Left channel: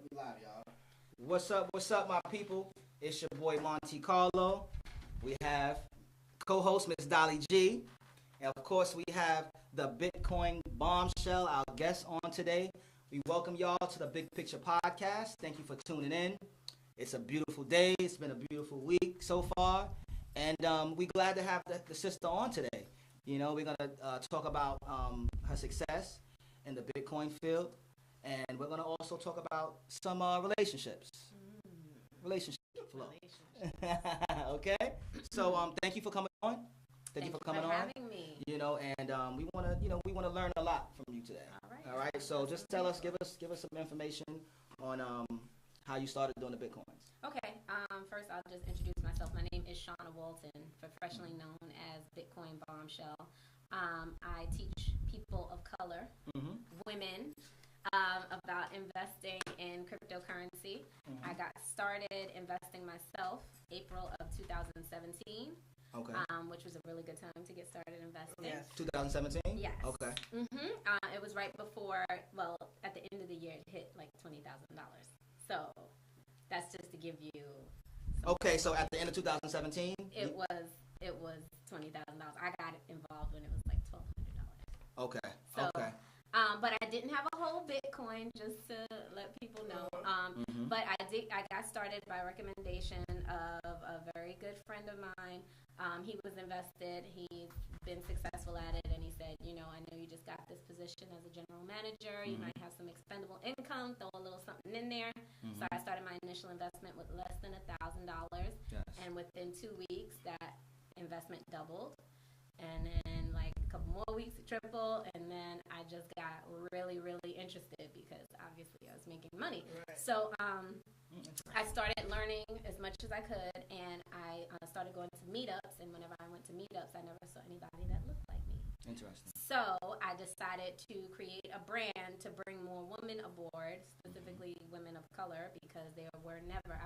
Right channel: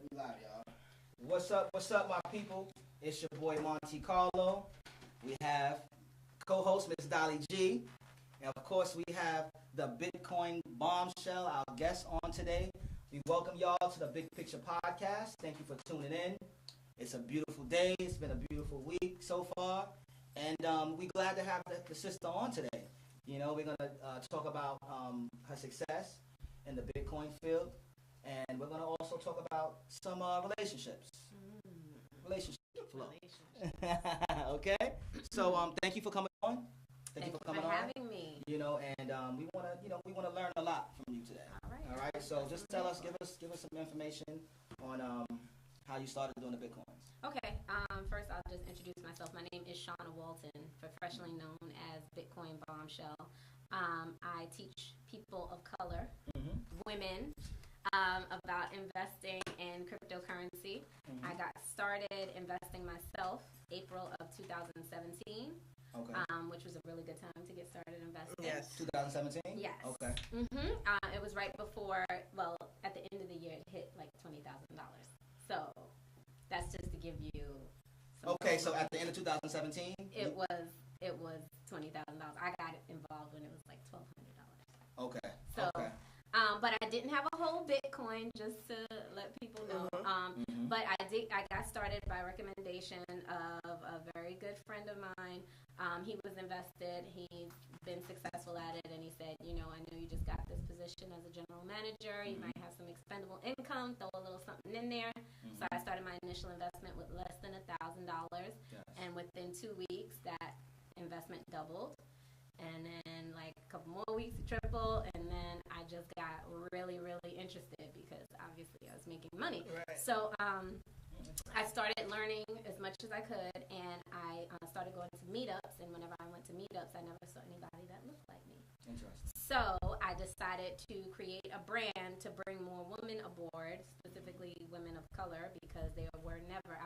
Alright, we live, y'all. What's up, my people? It's your boy Monte Carlo. We have co-host Miss Dolly G. And of course, we have the Bitcoin bombshell, our guest on today. We welcome y'all to the Big Picture Podcast. Thank you for tuning in. It's a beautiful day. It's been a beautiful week so far. And we're glad to have the sister on today. You know, we're going to talk about her success in the Bitcoin field. And we're going to also talk about some relationships. Relationship flow. Okay? So thank you for coming on. Thank you for having me. You know, and we want to learn a lot from you today. All right. So just give us some information on how you started doing the Bitcoin. Okay. First, I'll just introduce myself. My name is Shauna Walton, professionally known as Bitcoin Bombshell. I teach people of color, women, about investing in cryptocurrency. I got started investing myself April of 2017. Okay. Which was a really good time to get started investing. Yes. 2017? Yes. Okay. It was right before, well, at the end of the year, it hit like $20,000. So that's just to give you. Okay, so at the end of 2017, it was $20,000. I got involved when it was like $1,200. Okay. So. Okay. But I didn't have a whole Bitcoin, just to let people know. But I got started by recommendation of a very good friend of mine. He was invested. He's been successful at it, and he said, I know you just got this position as a general manager. You might have some expendable income. Throw a little something in there. So I started my initial investment with less than $1,000, and within 2 weeks, that investment doubled. And then like a couple more weeks to triple, and then I just got really, really interested because obviously I was making money. Right. So I started learning as much as I could, and I started going to meetups, and whenever I went to meetups, I never saw anybody that looked like me. Interesting. So I decided to create a brand to bring more women aboard, specifically women of color, because I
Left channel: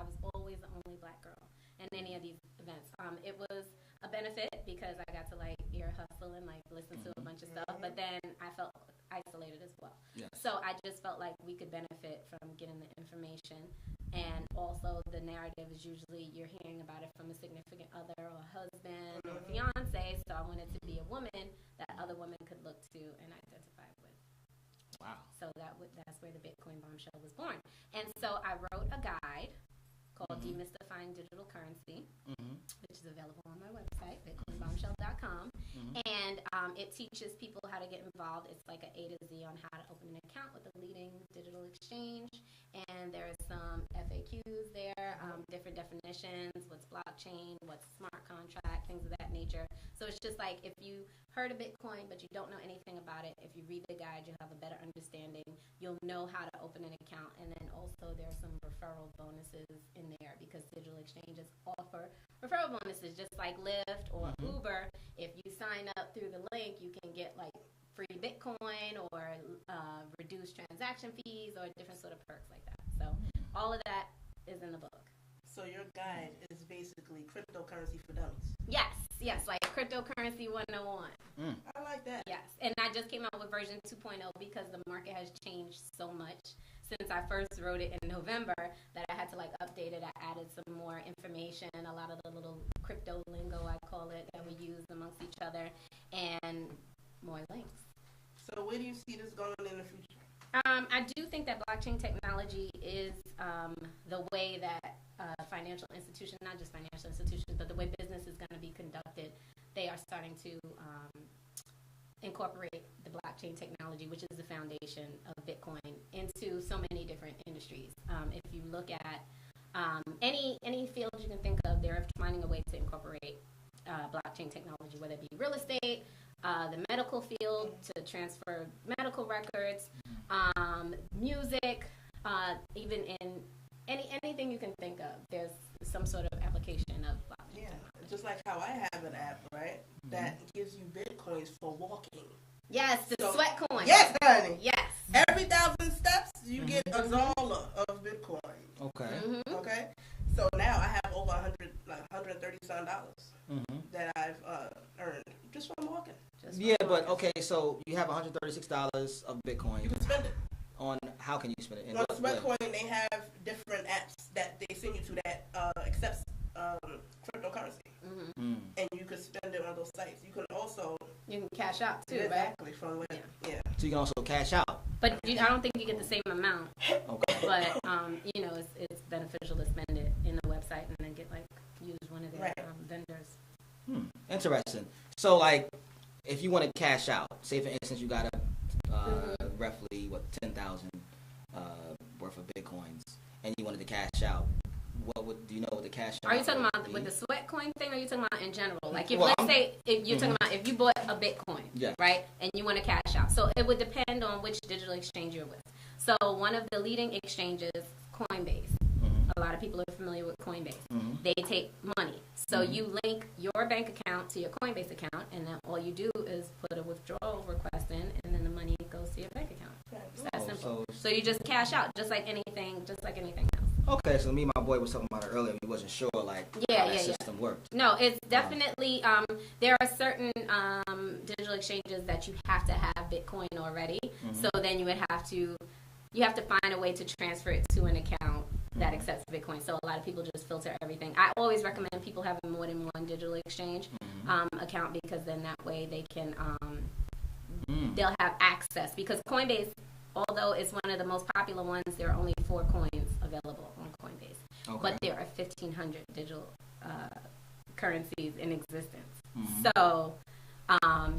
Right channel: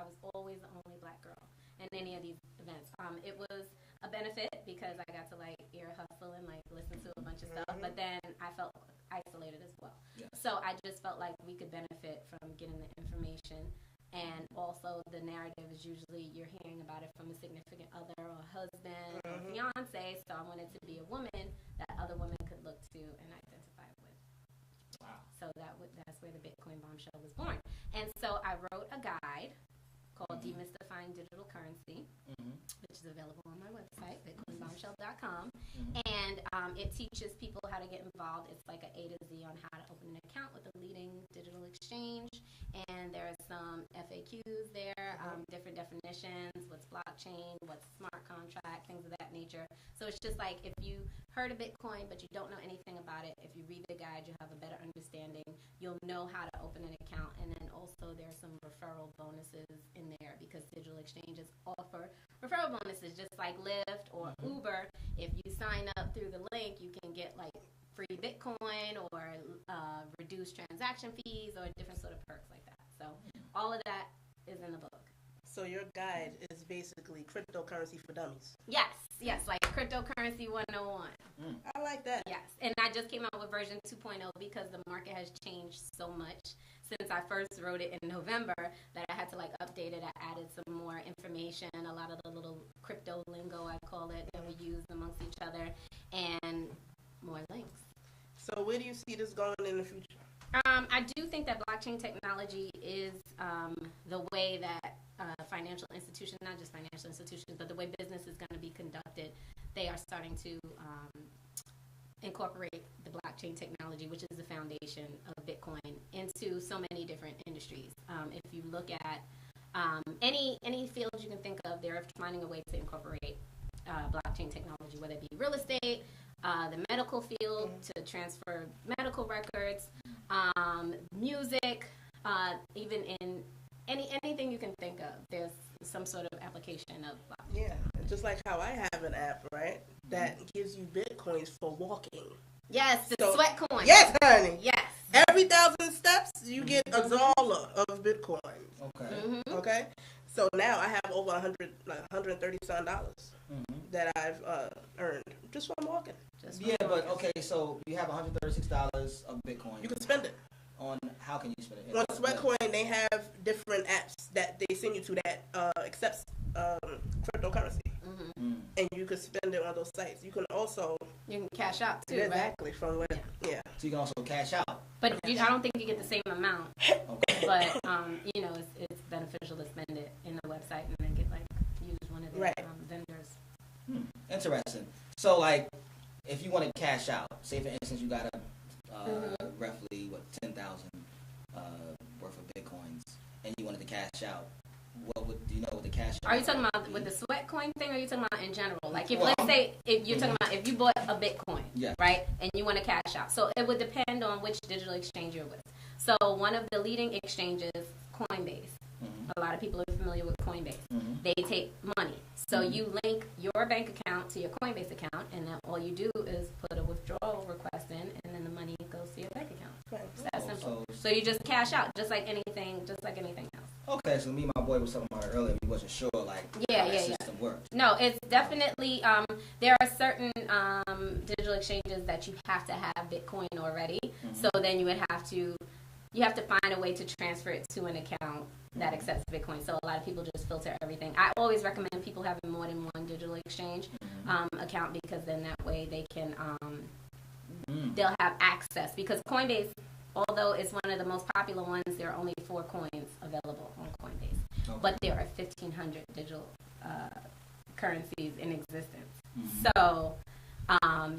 was always the only black girl in any of these events. It was a benefit because I got to like ear hustle and like listen to a bunch of stuff, but then I felt isolated as well. Yeah. So I just felt like we could benefit from getting the information, and also the narrative is usually you're hearing about it from a significant other or a husband or fiance. So I wanted to be a woman that other women could look to and identify with. Wow. So that's where the Bitcoin bombshell was born. And so I wrote a guide called Demystifying Digital Currency, which is available on my website, bitcoinbombshell.com. And it teaches people how to get involved. It's like an A to Z on how to open an account with a leading digital exchange. And there are some FAQs there, different definitions, what's blockchain, what's smart contract, things of that nature. So it's just like if you heard of Bitcoin but you don't know anything about it, if you read the guide, you'll have a better understanding. You'll know how to open an account. And then also there are some referral bonuses in there because digital exchanges offer referral bonuses just like Lyft or Uber. If you sign up through the link, you can get like free Bitcoin or reduced transaction fees or different sort of perks like that. So all of that is in the book. So your guide is basically cryptocurrency for dummies. Yes, like cryptocurrency 101. I like that. Yes, and I just came out with version 2.0 because the market has changed so much since I first wrote it in November that I had to like update it. I added some more information, a lot of the little crypto lingo, I call it, that we use amongst each other, and more links. So where do you see this going in the future? I do think that blockchain technology is the way that financial institutions, not just financial institutions, but the way business is going to be conducted. They are starting to incorporate the blockchain technology, which is the foundation of Bitcoin, into so many different industries. If you look at any field you can think of, they're finding a way to incorporate blockchain technology, whether it be real estate, the medical field to transfer medical records, music, even in anything you can think of, there's some sort of application of blockchain. Yeah, just like how I have an app, right, that gives you Bitcoins for walking. Yes, the sweat coin. Yes, honey. Yes. Every 1,000 steps, you get a dollar of Bitcoin. Okay. Okay. So now I have over $130 that I've earned just from walking. Okay, so you have $136 of Bitcoin. You can spend it. On how can you spend it? You want to Sweatcoin, they have different apps that they send you to that accepts cryptocurrency. Mm-hmm. And you can spend it on those sites. You can also... You can cash out, too, exactly, right? From where, yeah. So you can also cash out. But I don't think you get the same amount. Okay. But, you know, it's beneficial to spend it in the website and then get, like, use one of their vendors. Interesting. So, like, if you want to cash out, say, for instance, you got roughly, 10,000 worth of Bitcoins, and you wanted to cash out, do you know what the cash out? Are you talking about with the sweat coin thing, or are you talking about in general? Like, if let's say if you're talking about if you bought a Bitcoin, right, and you want to cash out, so it would depend on which digital exchange you're with. So one of the leading exchanges, Coinbase. A lot of people are familiar with Coinbase. They take money. So you link your bank account to your Coinbase account, and then all you do is put a withdrawal request in, and then the money goes to your bank account. It's that simple. So you just cash out, just like anything else. Okay, so me and my boy was talking about it earlier. We wasn't sure, like, how that system worked. No, it's definitely, there are certain digital exchanges that you have to have Bitcoin already. So then you have to find a way to transfer it to an account that accepts Bitcoin. So a lot of people just filter everything. I always recommend people having more than one digital exchange account, because then that way they can, they'll have access. Because Coinbase, although it's one of the most popular ones, there are only 4 coins available on Coinbase. Okay. But there are 1,500 digital currencies in existence. So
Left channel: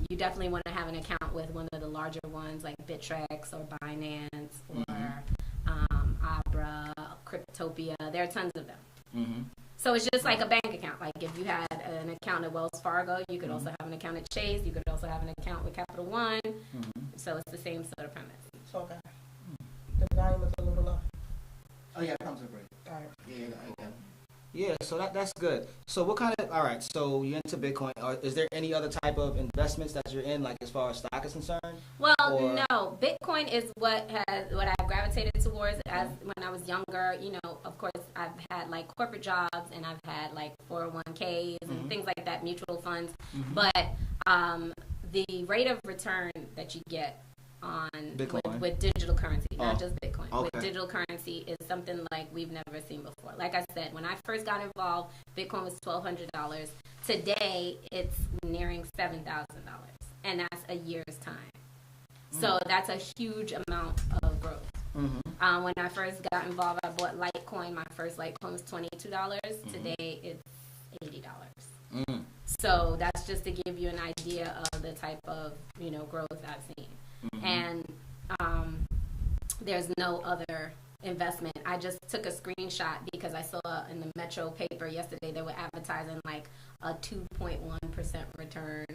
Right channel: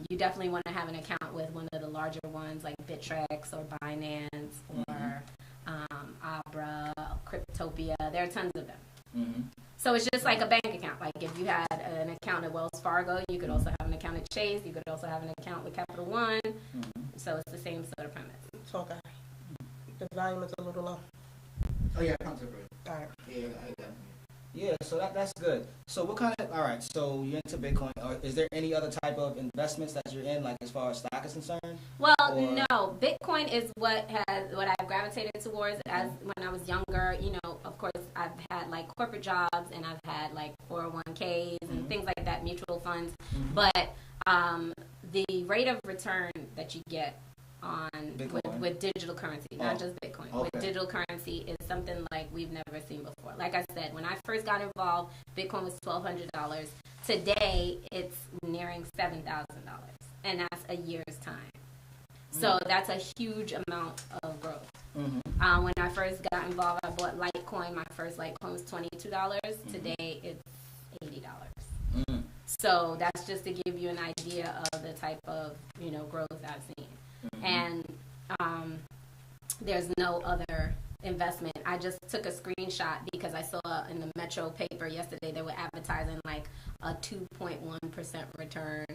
you definitely want to have an account with one of the larger ones like Bittrex or Binance or Abra, Cryptopia. There are tons of them. So it's just like a bank account. Like if you had an account at Wells Fargo, you could also have an account at Chase. You could also have an account with Capital One. So it's the same sort of premise. Okay. The volume is a little low. Oh yeah, it comes up right. All right. Yeah, yeah. So that's good. So what kind of, all right, so you're into Bitcoin. Is there any other type of investments that you're in, like as far as stock is concerned? Well, no. Bitcoin is what I gravitated towards as when I was younger. You know, of course, I've had like corporate jobs and I've had like 401ks and things like that, mutual funds. But the rate of return that you get on with digital currency, not just Bitcoin, with digital currency is something like we've never seen before. Like I said, when I first got involved, Bitcoin was $1,200. Today, it's nearing $7,000, and that's a year's time. So that's a huge amount of growth. When I first got involved, I bought Litecoin. My first Litecoin was $22. Today, it's $80. So that's just to give you an idea of the type of growth I've seen. And there's no other investment. I just took a screenshot because I saw in the Metro paper yesterday they were advertising like a 2.1% return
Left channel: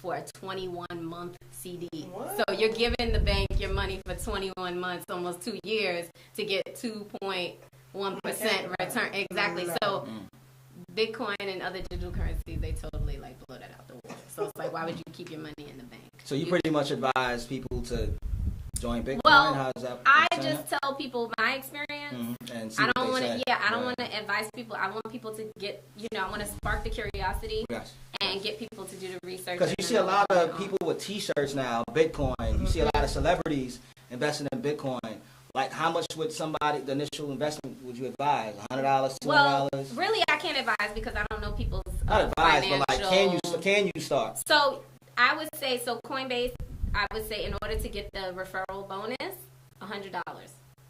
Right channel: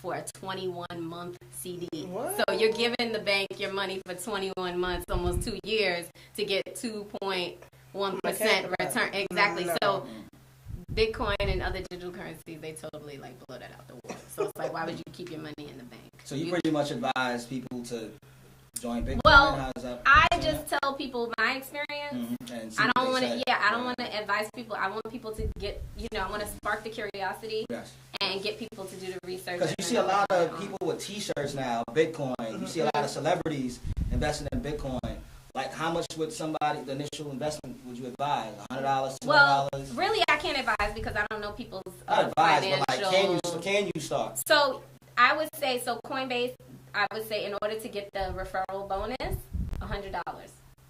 for a 21-month CD. What? So you're giving the bank your money for 21 months, almost 2 years, to get 2.1% return. Exactly. So Bitcoin and other digital currencies, they totally like blow that out the water. So it's like, why would you keep your money in the bank? So you pretty much advise people to join Bitcoin? Well, I just tell people my experience. I don't want to. I don't want to advise people. I want people to get. I want to spark the curiosity and get people to do the research. Because you see a lot of people with T-shirts now, Bitcoin. You see a lot of celebrities investing in Bitcoin. Like, how much would the initial investment would you advise? $100, $200? Well, really, I can't advise because I don't know people's financial. But like, can you start? So I would say, Coinbase, I would say in order to get the referral bonus, $100.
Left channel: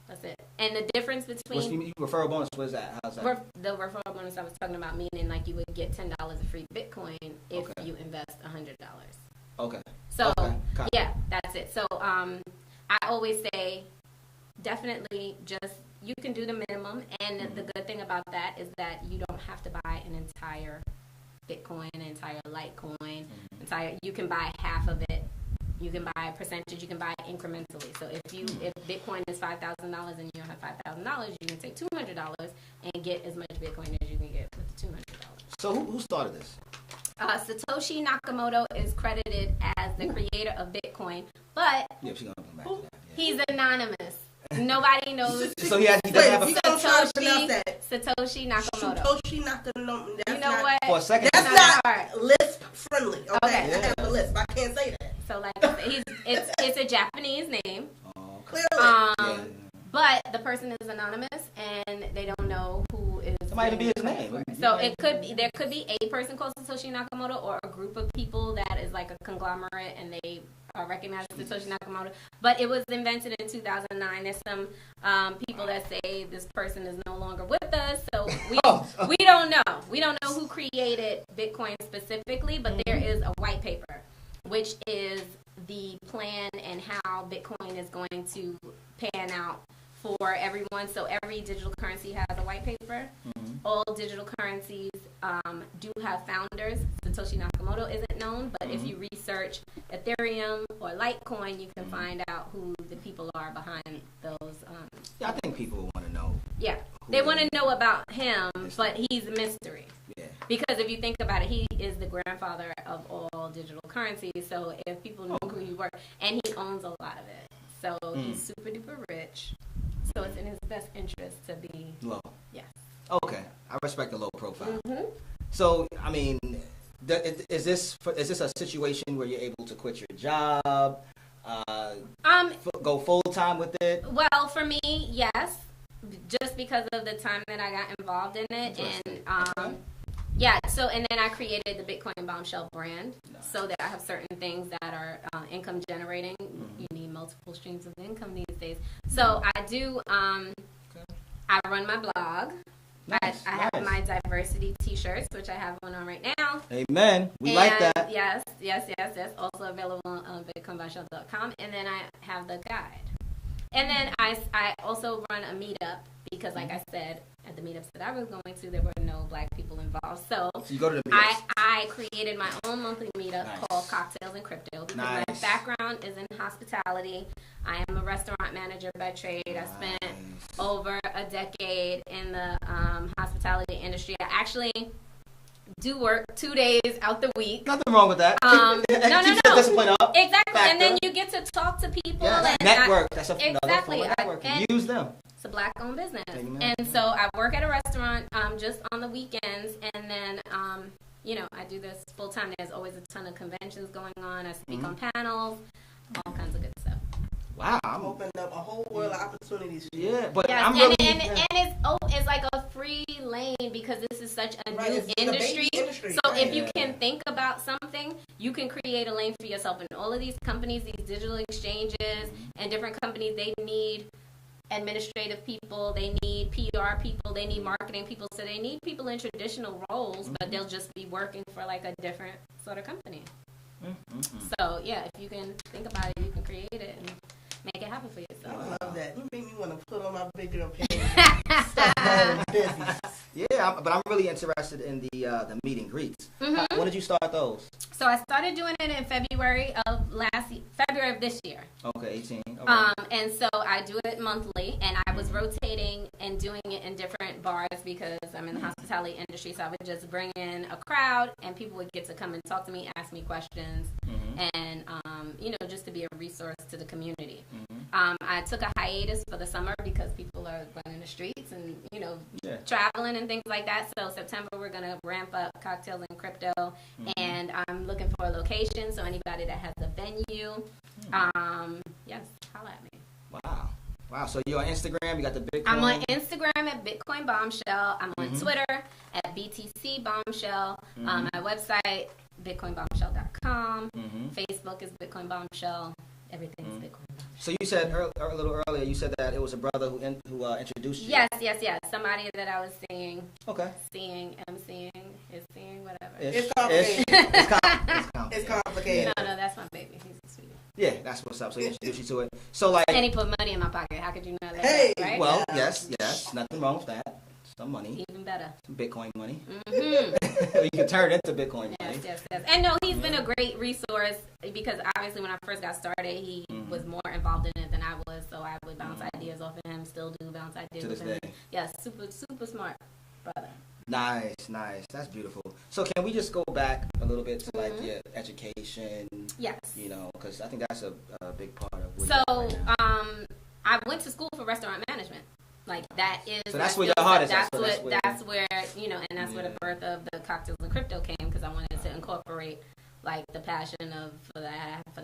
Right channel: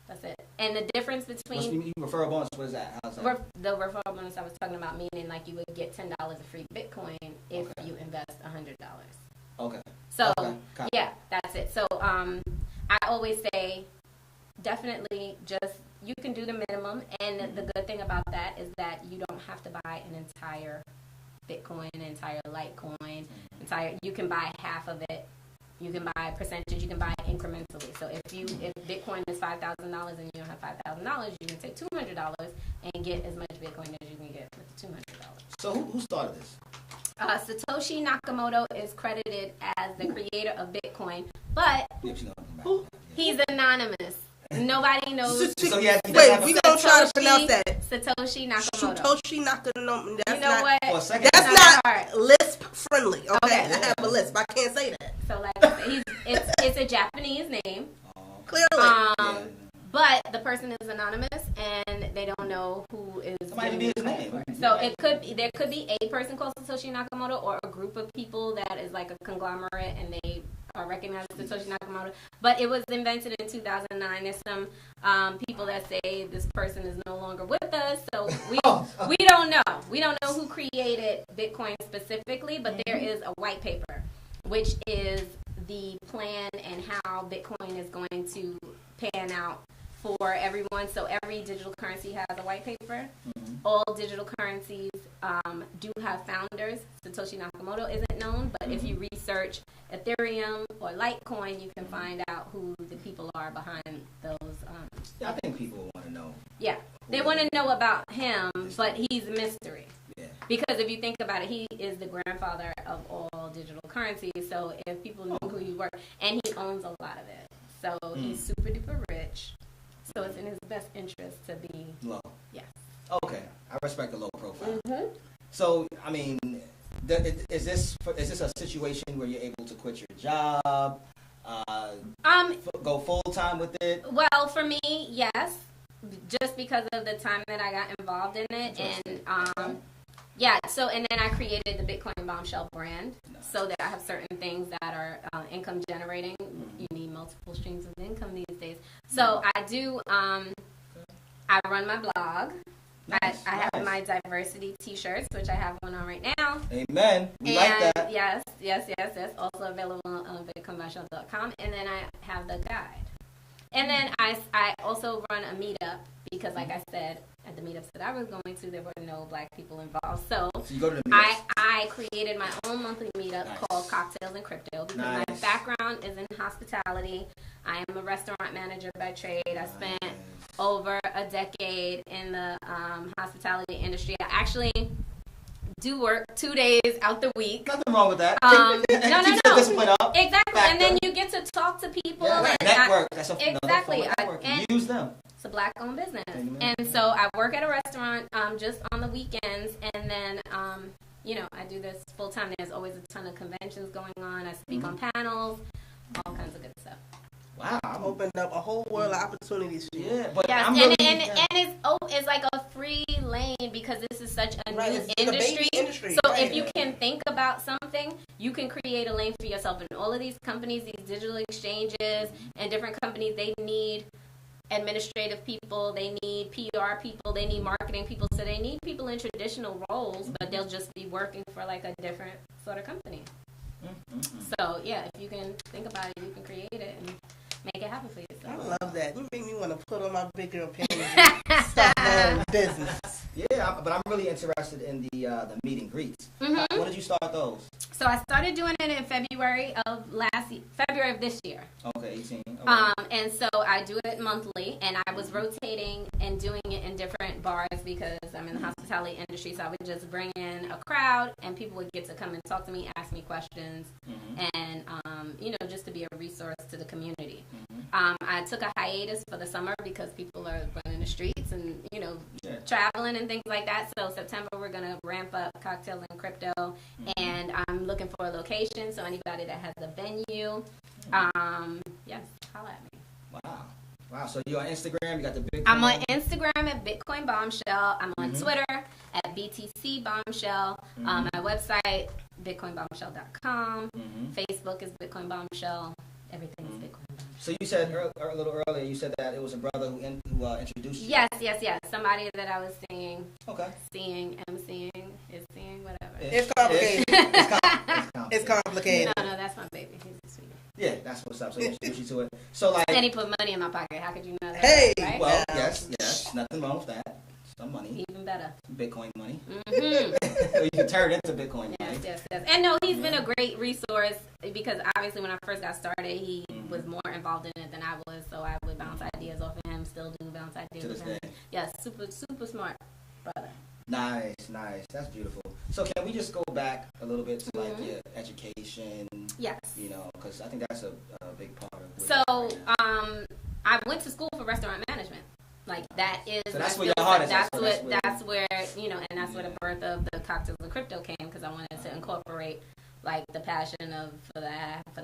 That's it. And the difference between referral bonus, what is that? How's that? The referral bonus I was talking about, meaning like you would get $10 of free Bitcoin if you invest $100. Okay. So yeah, that's it. So I always say, definitely just you can do the minimum, and the good thing about that is that you don't have to buy an entire Bitcoin, an entire Litecoin, you can buy half of it. You can buy a percentage. You can buy incrementally. So if Bitcoin is $5,000 and you don't have $5,000, you can take $200 and get as much Bitcoin as you can get with the $200. So who started this? Satoshi Nakamoto is credited as the creator of Bitcoin, but he's anonymous. Nobody knows. So yeah, Satoshi Nakamoto. Satoshi Nakamoto. You know what? That's not hard. Lisp friendly. Okay. I have a lisp. I can't say that. So like, it's a Japanese name. Clearly. but the person is anonymous and they don't know who is. Might be his name. So there could be a person called Satoshi Nakamoto or a group of people that is like a conglomerate and they recognize Satoshi Nakamoto. But it was invented in 2009. There's some people that say this person is no longer with us, so we don't know. We don't know who created Bitcoin specifically, but there is a white paper, which is the plan and how Bitcoin is going to pan out for everyone. So every digital currency has a white paper. All digital currencies do have founders. Satoshi Nakamoto isn't known, but if you research Ethereum or Litecoin, you can find out who the people are behind those. I think people want to know. Yeah, they want to know about him, but he's a mystery. Yeah. Because if you think about it, he is the grandfather of all digital currencies. So if people knew who he were, and he owns a lot of it, so he's super duper rich. So it's in his best interest to be low. Yeah. Okay, I respect the low profile. So, I mean, is this a situation where you're able to quit your job, go full time with it? Well, for me, yes, just because of the time that I got involved in it, and yeah. So, and then I created the Bitcoin Bombshell brand, so that I have certain things that are income generating. You need multiple streams of income these days. So I do. I run my blog. Nice, I have my diversity T-shirts, which I have one on right now. Amen. We like that. Yes. Also available on bitcoinbombshell.com. And then I have the guide. And then I also run a meetup because, like I said, at the meetups that I was going to, there were no Black people involved. So you go to the meetups. I created my own monthly meetup called Cocktails and Crypto because my background is in hospitality. I am a restaurant manager by trade. I spent over a decade in the hospitality industry. I actually do work 2 days out the week. Nothing wrong with that. No. Exactly. Factor. And then you get to talk to people. Yeah, and network. Exactly. And use them. It's a Black-owned business. Amen. And so I work at a restaurant just on the weekends. And then, I do this full-time. There's always a ton of conventions going on. I speak on panels, all kinds of good stuff. Wow, I'm opening up a whole world of opportunities. Yeah, but yes, and it's like a free lane because this is such a new industry. So if you can think about something, you can create a lane for yourself. And all of these companies, these digital exchanges, and different companies, they need administrative people, they need PR people, they need marketing people. So they need people in traditional roles, but they'll just be working for like a different sort of company. So yeah, if you can think about it, you can create it and make it happen for yourself. I love that. You make me want to put on my big girl pants. Start my own business. Yeah, but I'm really interested in the meet and greets. When did you start those? So I started doing it in February of this year. Okay, 18. Okay. And so I do it monthly, and I was rotating and doing it in different bars because I'm in the hospitality industry. So I would just bring in a crowd, and people would get to come and talk to me, ask me questions, and just to be a resource to the community. I took a hiatus for the summer because people are running the streets and traveling and things like that. So September we're gonna ramp up Cocktails and Crypto, and I'm looking for a location. So anybody that has a venue, yes, holla at me. Wow. So you're on Instagram. You got the Bitcoin. I'm on Instagram at Bitcoin Bombshell. I'm on Twitter at BTC Bombshell. My website bitcoinbombshell.com. Facebook is Bitcoin Bombshell. Everything is Bitcoin Bombshell. So you said a little earlier, you said that it was a brother who introduced you. Yes. Somebody that I was seeing. Okay. Seeing, whatever. It's complicated. It's complicated. No, that's my baby. He's a sweetie. Yeah, that's what's up. So you introduced you to it. So like. And he put money in my pocket. How could you know that? Hey. Right? Well, yes. Nothing wrong with that. Some money. Even better. Bitcoin money. You can turn it into Bitcoin money. Yes. And no, he's been a great resource because obviously when I first got started, he was more involved in it than I was. So I would bounce ideas off of him. Still do bounce ideas off him. Yes, super smart brother. Nice. That's beautiful. So can we just go back a little bit to like your education? Yes. Because I think that's a big part of it. So I went to school for restaurant management. Like that is so that's where your heart is. That's where and that's where the birth of the Cocktails and Crypto came because I wanted to incorporate like the passion for the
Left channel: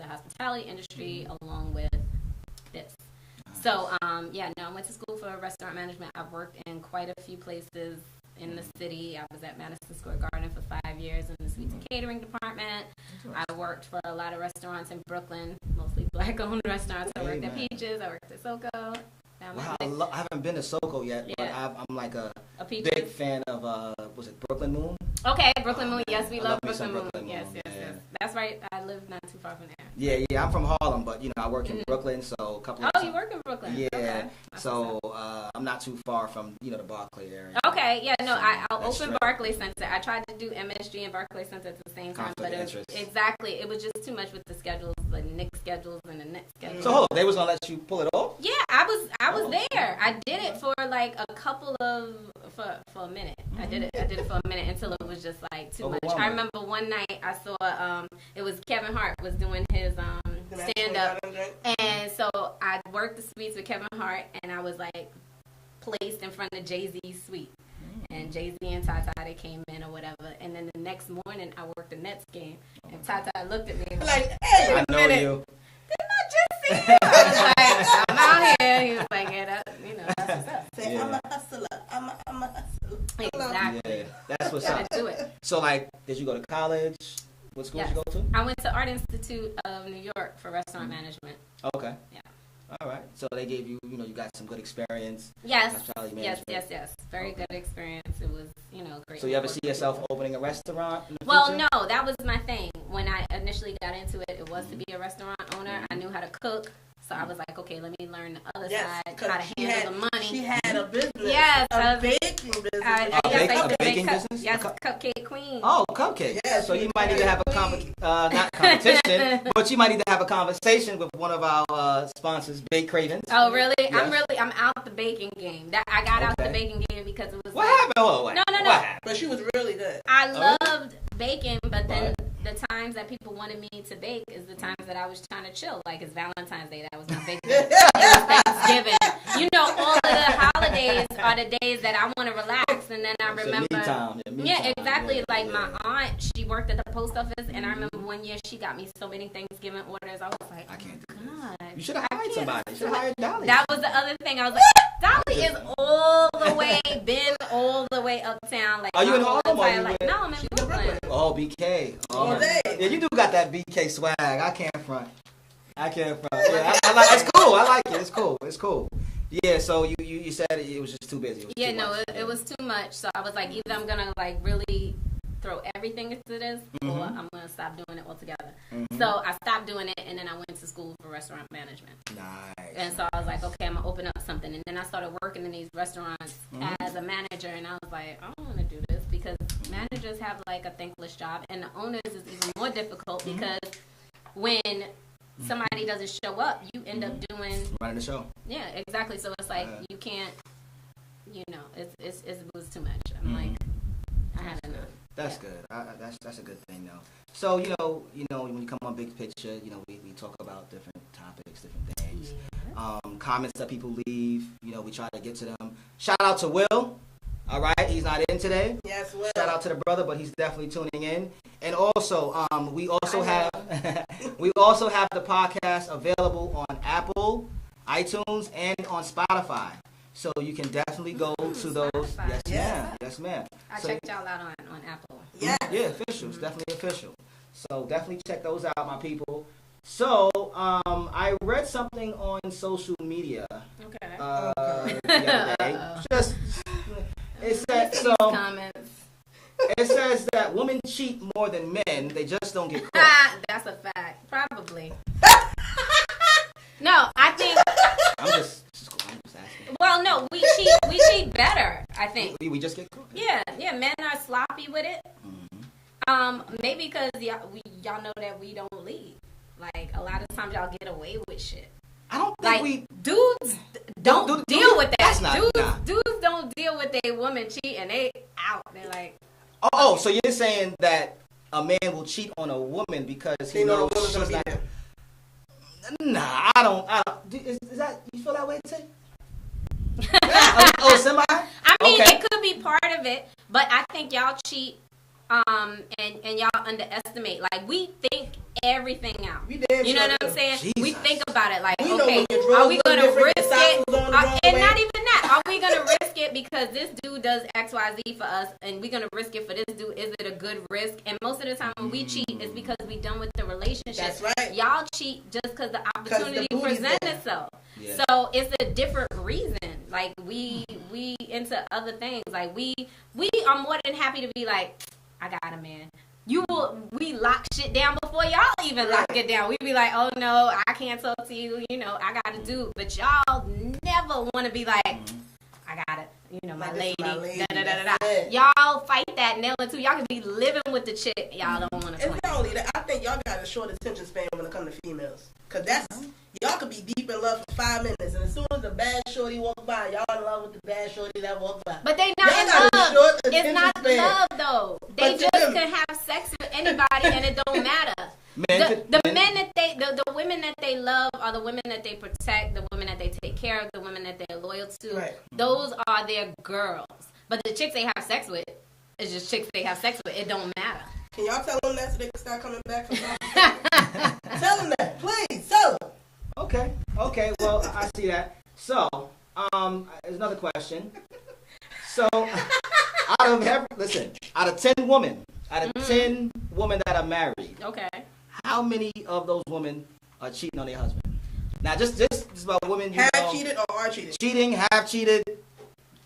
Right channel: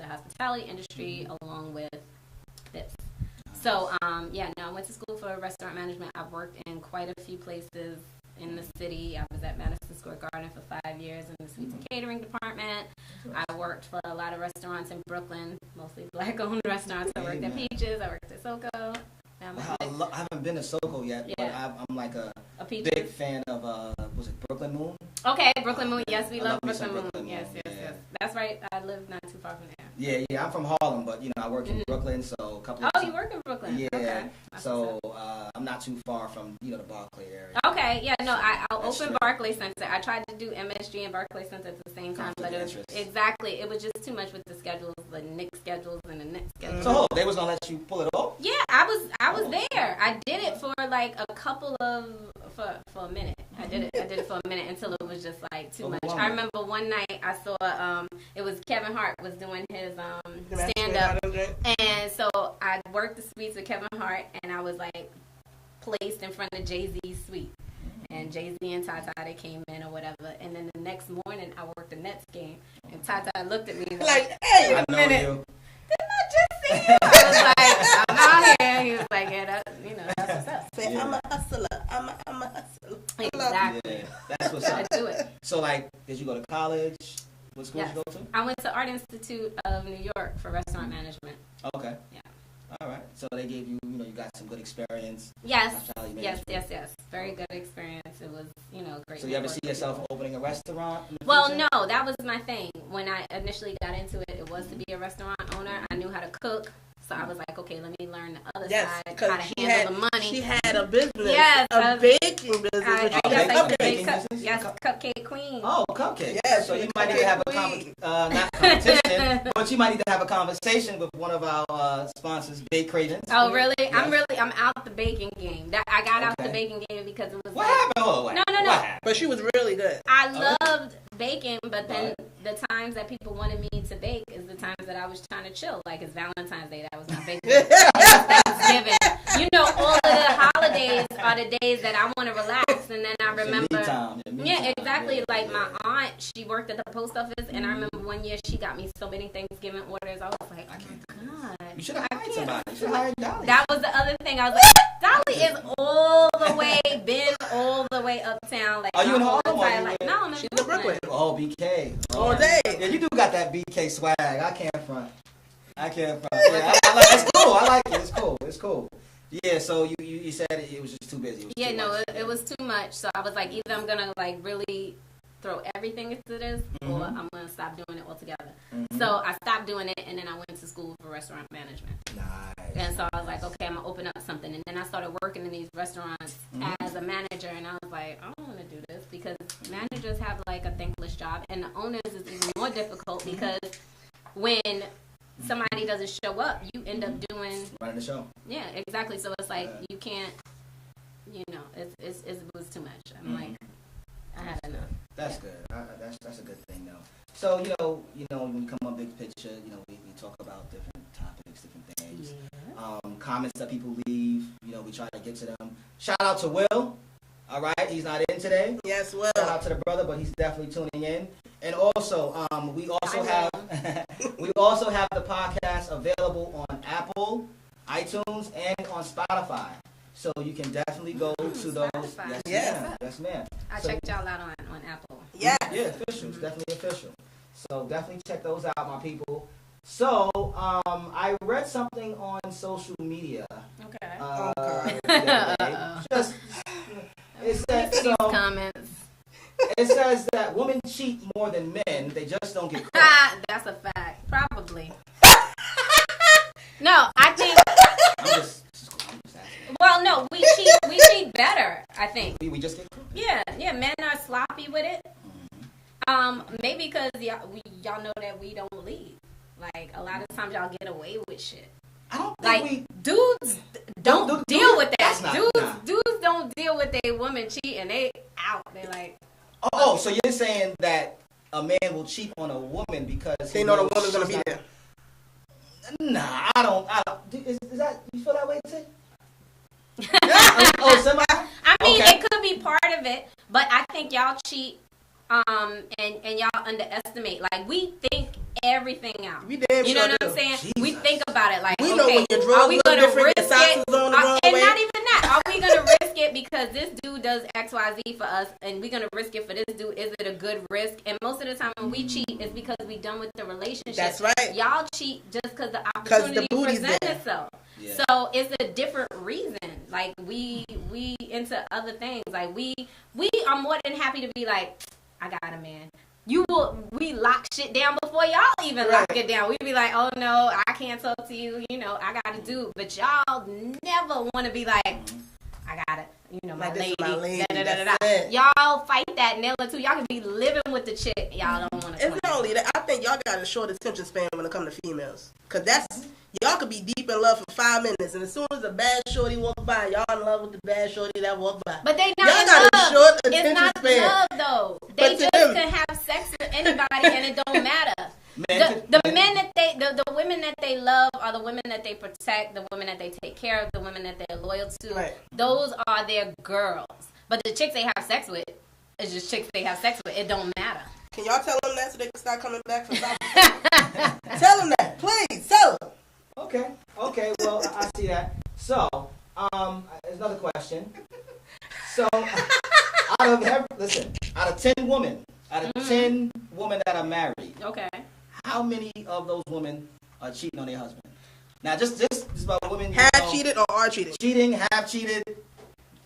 hospitality industry along with this. So, I went to school for restaurant management. I've worked in quite a few places in the city. I was at Madison Square Garden for 5 years in the sweets and catering department. I worked for a lot of restaurants in Brooklyn, mostly black-owned restaurants. I worked at Peaches. I worked at Soko. Wow, I haven't been to Soko yet, but I'm like a Peaches. big fan of, was it Brooklyn Moon? Okay, Brooklyn Moon. Yes, we love Brooklyn Moon. Moon. Yes. That's right. I live not too far from there. Yeah. I'm from Harlem, but I work in Brooklyn, so a couple. Oh, you work in Brooklyn? Yeah. Okay. So I'm not too far from the Barclay area. Okay. Yeah. No, I'll open Barclay Center. I tried to do MSG and Barclay Center at the same time, but it was just too much with the schedules, the Knicks schedules and the Nets schedules. So they was gonna let you pull it off? Yeah, I was there. I did it for like a couple of for a minute. I did it for a minute until it was just like too much. I remember one night I saw it was Kevin Hart was doing his stand up, and so I worked the suites with Kevin Hart, and I was like placed in front of Jay-Z's suite, and Jay-Z and Tata, they came in or whatever, and then the next morning I worked the Nets game, and Tata looked at me like, "Hey, I know you." Didn't I just see you? I was like, "I'm out here." He was like, "Yeah, that's what's up." Say, I'm a hustler. I'm a hustler. Exactly. Yeah, that's what's Gotta up. do it. So, like, did you go to college? What school did you go to? I went to Art Institute of New York for restaurant management. Okay. Yeah. All right. So they gave you, you got some good experience. Yes. Very good experience. It was, great. So you ever see yourself opening a restaurant? Well, no, that was my thing. When I initially got into it, it was to be a restaurant owner. I knew how to cook. So I was like, okay, let me learn the other side, how to handle the money. She had a business. Yes. A baking business. I used to make business? Yes, Cupcake Queen. Oh, cupcake. Yeah, so you might need to have a not competition, but you might need to have a conversation with one of our sponsors, Bake Cravens. Oh, really? Yeah. I'm out the baking game. I got out the baking game because it was What happened? Oh, No. What happened? But she was really good. I loved baking, but then the times that people wanted me to bake is the times that I was trying to chill. Like it's Valentine's Day, that was my baking day. It was Thanksgiving. All of the holidays are the days that I want to relax. And then I remember, exactly. Like my aunt, she worked at the post office, and I remember one year she got me so many Thanksgiving orders. I was like, oh my God. You should have hired somebody. You should have hired Dolly. That was the other thing. I was like, Dolly is all the way uptown. Like, are you in Harlem? No, I'm in Brooklyn. Oh, BK. All day. Yeah, you do got that BK swag. I can't front. Yeah, I like it's cool. I like it. It's cool. Yeah, so you said it was just too busy. It was too much. So I was like, either I'm gonna like really throw everything into this, or I'm gonna stop doing it altogether. So I stopped doing it, and then I went to school for restaurant management. Nice. And so I was like, okay, I'm gonna open up something. And then I started working in these restaurants as a manager, and I was like, I don't want to do this because managers have like a thankless job, and the owners is even more difficult because when somebody doesn't show up, you end up running the show. Yeah, exactly. So it's like you can't, it was too much. I'm like, I had enough. That's good. That's a good thing though. So when you come on Big Picture, we talk about different topics, different things. Yeah. Comments that people leave, we try to get to them. Shout out to Will. All right, he's not in today. Yes, Will. Shout out to the brother, but he's definitely tuning in. And also, we also have the podcast available on Apple, iTunes, and on Spotify. So you can definitely go to those. Spotify. Yes, ma'am. I checked y'all out on Apple. Yeah, official. It's definitely official. So definitely check those out, my people. So I read something on social media. Okay. It says comments. It says that women cheat more than men. They just don't get caught. That's a fact. Probably. No, I think. I'm just asking. Well, no, we cheat better. I think. We just get caught. Yeah. Men are sloppy with it. Maybe because y'all know that we don't lead. Like a lot of times y'all get away with shit. I don't think dudes don't deal with that. Dudes don't deal with their woman cheating. They out. They're like. Oh, so you're saying that a man will cheat on a woman because he knows the woman's gonna be there? Nah, I don't. Is that you feel that way too? Semi. I mean, it could be part of it, but I think y'all cheat, and y'all underestimate. Like we think everything out. You know what I'm saying? Jesus. We think about it like, We know okay, when your are we drugs gonna look different, risk your it? socks is on the wrong And way. not even that. Are we gonna risk it because this dude does X, Y, Z for us, and we're gonna risk it for this dude? Is it a good risk? And most of the time when we cheat, it's because we done with the relationship. That's right. Y'all cheat just because the opportunity booty's presents there. itself. Yeah. So it's a different reason. Like we into other things. Like we are more than happy to be like, I got a man. We lock shit down before y'all even lock it down. We be like, oh no, I can't talk to you. You know, I got to do. But y'all never want to be like, I got it. You know, my lady. Da, da, da, da, da. Y'all fight that nail or two. Y'all can be living with the chick. Y'all don't want to. It's not only that. I think y'all got a short attention span when it comes to females. Cause y'all could be deep in love for 5 minutes, and as soon as a bad shorty walk by, y'all in love with the bad shorty that walked by. But they not Y'all in got a love. short It's attention not span. love though. They But to just them- can have sex with anybody, and it don't matter. The women that they love are the women that they protect, the women that they take care of, the women that they're loyal to. Right. Those are their girls. But the chicks they have sex with is just chicks they have sex with. It don't matter. Can y'all tell them that so they can start coming back for y'all? Tell them that, please. Tell them. Okay. Well, I see that. So, there's another question. So, out of 10 women, out of 10 women that are married, Okay. how many of those women are cheating on their husband? Now, just about women who Have cheated or are cheated? cheating, have cheated,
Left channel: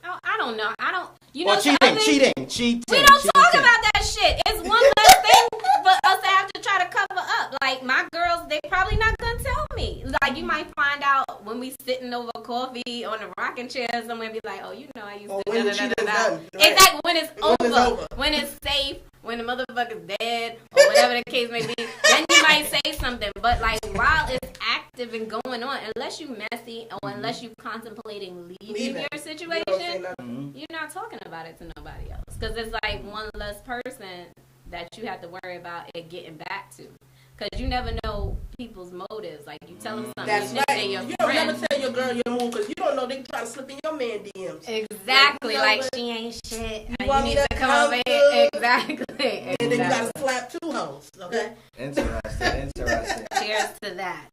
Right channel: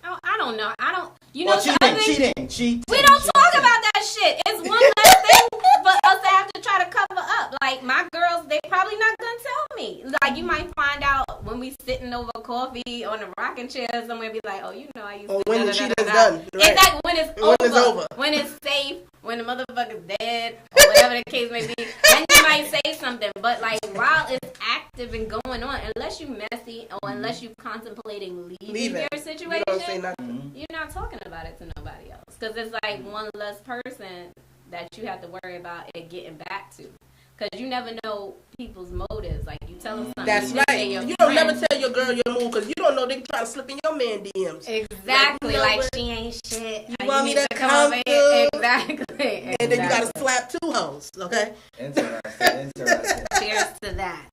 Oh, I don't know. I don't. You know, or the other thing- cheating. We don't talk about that shit. It's one less thing for us to have to try to cover up. Like my girls, they probably not gonna tell me. Like you might find out when we sitting over coffee on a rocking chair somewhere, be like, oh, you know, I used Or to. when da, the da, da, cheating's da, da. done, right. It's like when it's When it's over, over. when it's safe, when the motherfucker's dead, or whatever the case may be. Then you might say something. But like while it's active and going on, unless you messy or unless you contemplating leaving Leaving. your You situation. don't say nothing. You're not talking about it to nobody else because it's like one less person that you have to worry about it getting back to. Because you never know people's motives. Like you tell them something, That's you think right. they your You don't friend. never tell your girl your move because you don't know they try to slip in your man DMs. Exactly. You know like what? she ain't shit. You You want me need to to come over here. come Exactly. And then you gotta Exactly. slap 2 hoes, okay? Interesting. Cheers to that.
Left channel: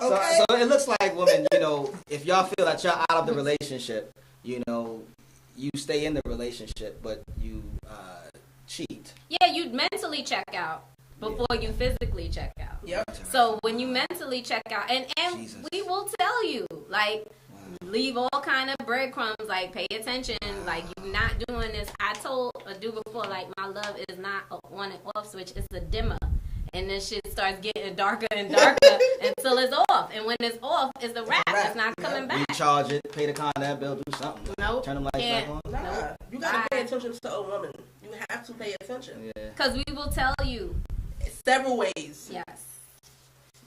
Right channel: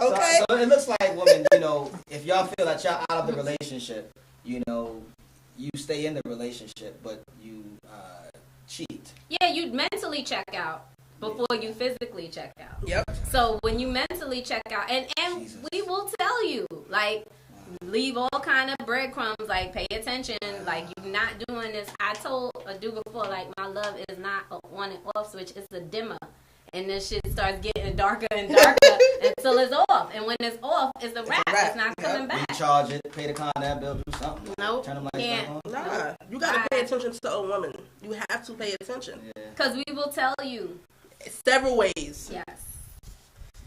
Okay. So it looks like, women, you know, if y'all feel that y'all out of the relationship, you know, you stay in the relationship, but you cheat. Yeah, you mentally check out before you physically check out. Yep. So when you mentally check out, and Jesus. we will tell you, like, leave all kind of breadcrumbs, like, pay attention, like, you're not doing this. I told a dude before, like, my love is not a on and off switch, it's a dimmer. And then shit starts getting darker and darker until it's off. And when it's off, it's a wrap. It's not coming back. Recharge it, pay the contact bill, do something. Nope, Turn the lights can't. back on. Nah, you gotta pay Bye. attention to a woman. You have to pay attention. Yeah. Because we will tell you. Several ways. Yes.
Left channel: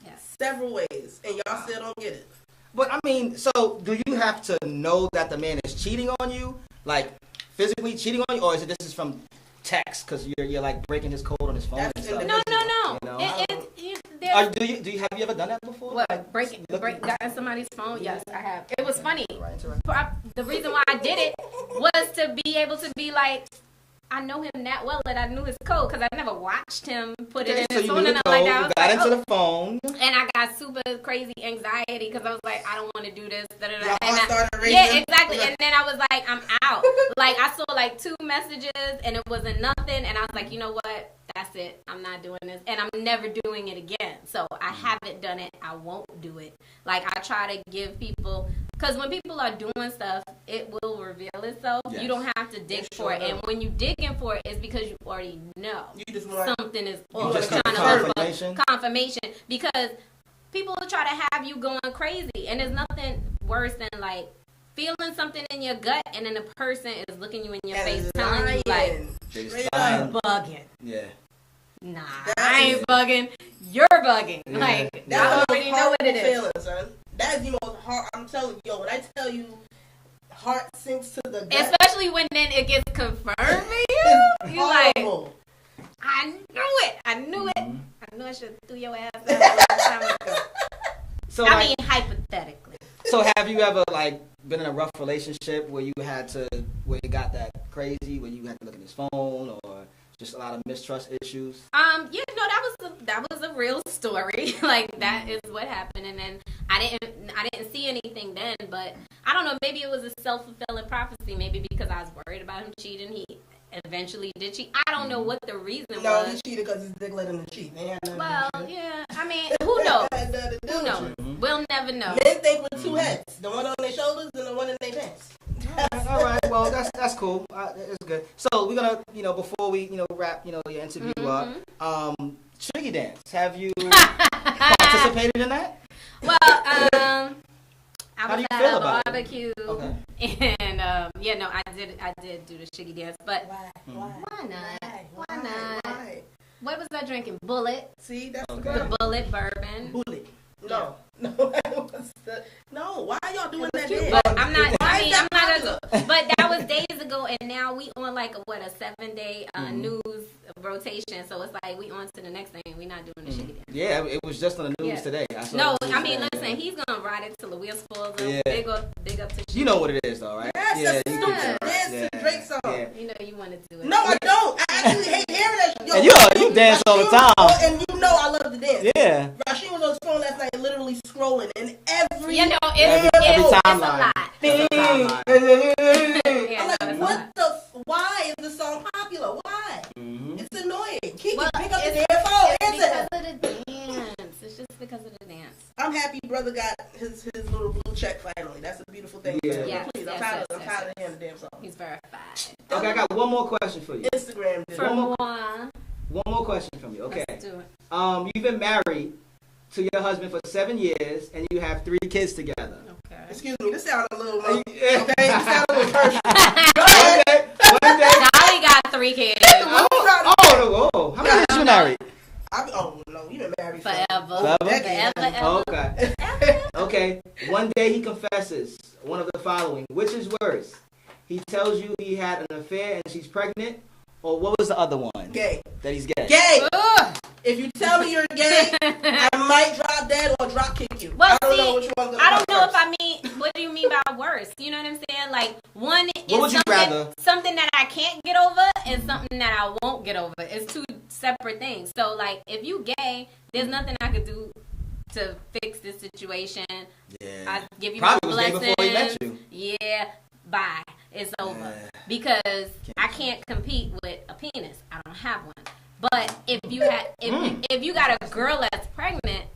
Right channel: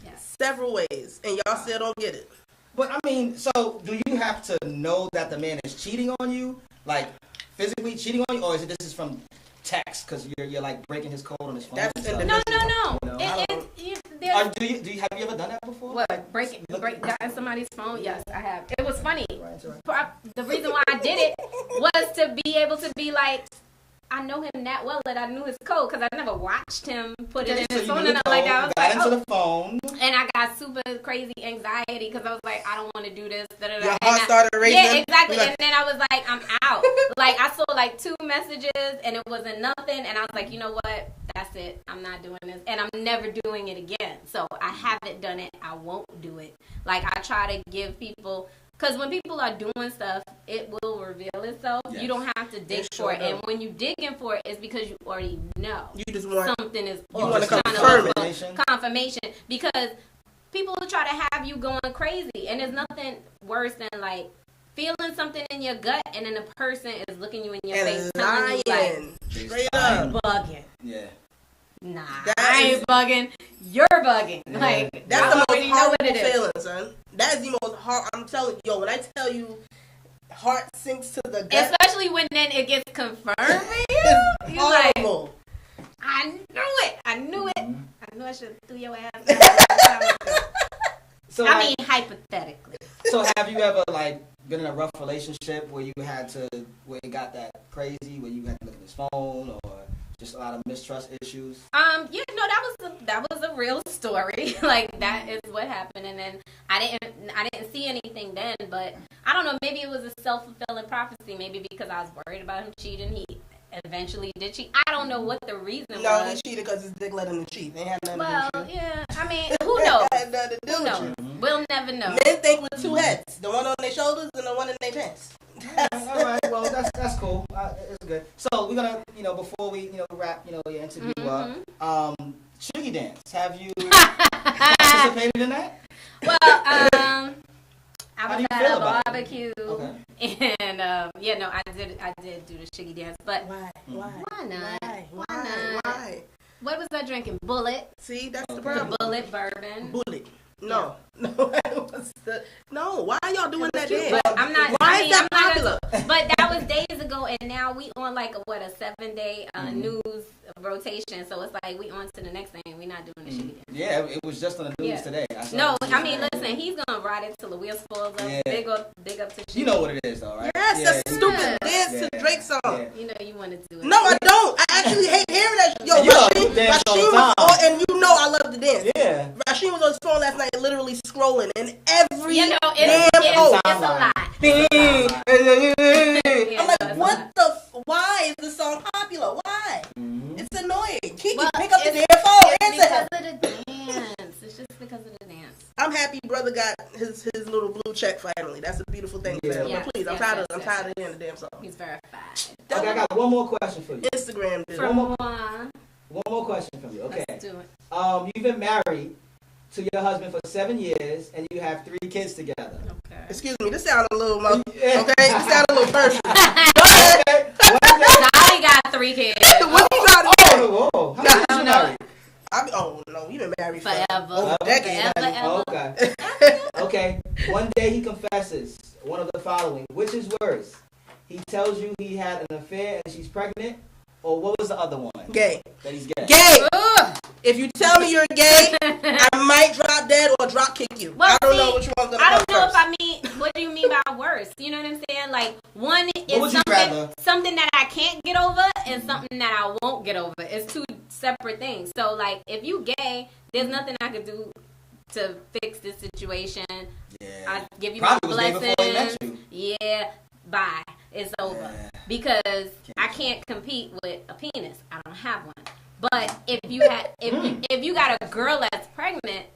Yes. Several ways. And y'all still don't get it. But I mean, so do you have to know that the man is cheating on you, like physically cheating on you, or is it this is from text because you're like breaking his code on his phone? That's and stuff? No. You know? There's, Have you ever done that before? what, gotten somebody's phone? Yes, I have. It was funny. The reason why I did it was to be able to be like, I know him that well that I knew his code because I never watched him put it in So his you phone knew and the nothing like that. I code, was got like, into oh. the phone. And I got super crazy anxiety because I was like, I don't want to do this. Your And heart started racing. yeah, exactly. Like, And then I was like, I'm out. Like I saw like 2 messages and it wasn't nothing. And I was like, you know what? That's it. I'm not doing this. And I'm never doing it again. So I haven't done it. I won't do it. Like I try to give people, because when people are doing stuff, it will reveal itself. Yes. You don't have to dig It for sure it. And does. when you digging for it, it's because you already know you just want something is You off. wanna You're trying to confirm look for Confirmation. confirmation because people will try to have you going crazy, and there's nothing worse than like feeling something in your gut, and then the person is looking you in your and face, telling you like, lying. Straight Lying. up. "You bugging." Yeah. Nah, That I is- ain't bugging. You're bugging. Yeah. Like That's I the already most know what it horrible is. feeling, son. That is the most hard. I'm telling you, yo, when I tell you, heart sinks to the gut. Especially when then it gets confirmed for you. It's You like, horrible. I knew it. I knew it. I knew I should have threw your ass out a long time ago. So, I like, mean, hypothetically. so have you ever like been in a rough relationship where you had to, where it got that crazy, where you had to look at his phone or Just a lot of mistrust issues. Yeah, no, that was a real story. Like that is what happened, and then I didn't see anything then, but I don't know. Maybe it was a self-fulfilling prophecy. Maybe because I was worried about him cheating, he eventually did cheat. I don't know what the reason was. No, he cheated because his dick let him cheat. They had nothing Well, to do with it. yeah. I mean, who knows? Who knows? You. We'll never know. Men think with two heads, the one on their shoulders and the one in their pants. All right, well, that's cool. That's good. So we're gonna, before we, wrap, your interview up, Shiggy Dance. Have you participated in that? Well, I was at a barbecue, and I did do the Shiggy Dance, but why not? Why? What was I drinking? Bullet. See, that's the problem. The Bullet bourbon. Bullet. No. No, why are y'all doing that? But I'm not. Why is that popular? But that was days ago, and now we on like a 7-day news rotation. So it's like we on to the next thing. We not doing the Shiggy Dance. Yeah, it was just on the news today. No, I mean, listen, he's gonna ride it till the wheels falls up. Yeah. Big up to Shiggy. You know what it is, though, right? Yes, that's stupid dance to Drake song. Yeah. You know you want to do it. No, I don't. I actually hate hearing that. Yo, and you dance all the time. And you know I love to dance. Yeah. Rasheen was on his phone last night, literally scrolling, and every it's a lot. I'm like, why is this song popular? Why? Mm-hmm. It's annoying. Pick up the damn phone. It's because of the dance. It's just because of the dance. I'm happy brother got his little blue check finally. That's a beautiful thing. Yeah. Yes, Please, I'm tired of hearing the damn song. He's verified. Okay, I got one more question for you. Instagram. One more question from you. Okay. Let's do it. You've been married to your husband for 7 years, and you have 3 kids together. Okay. Excuse me, this sounds a little okay. This sounds a little personal. Okay. Dolly got 3 kids. Whoa. How many years you married? You've been married forever. Forever. Okay. One day he confesses one of the following. Which is worse? He tells you he had an affair and she's pregnant, or what was the other one? Gay. That he's gay. Gay. If you tell me you're gay, I might drop dead or drop kick you. Well, I don't know which one's I don't know if I mean. What do you mean by worse? You know what I'm saying? Like one is something that I can't get over, and something that I won't get over. It's 2 separate things. So like, if you gay, there's nothing I could do to fix this situation. Yeah. I give you my blessings. Yeah. Bye. It's over. Yeah. Because I can't compete with a penis. I don't have one. But if you got a girl that's pregnant,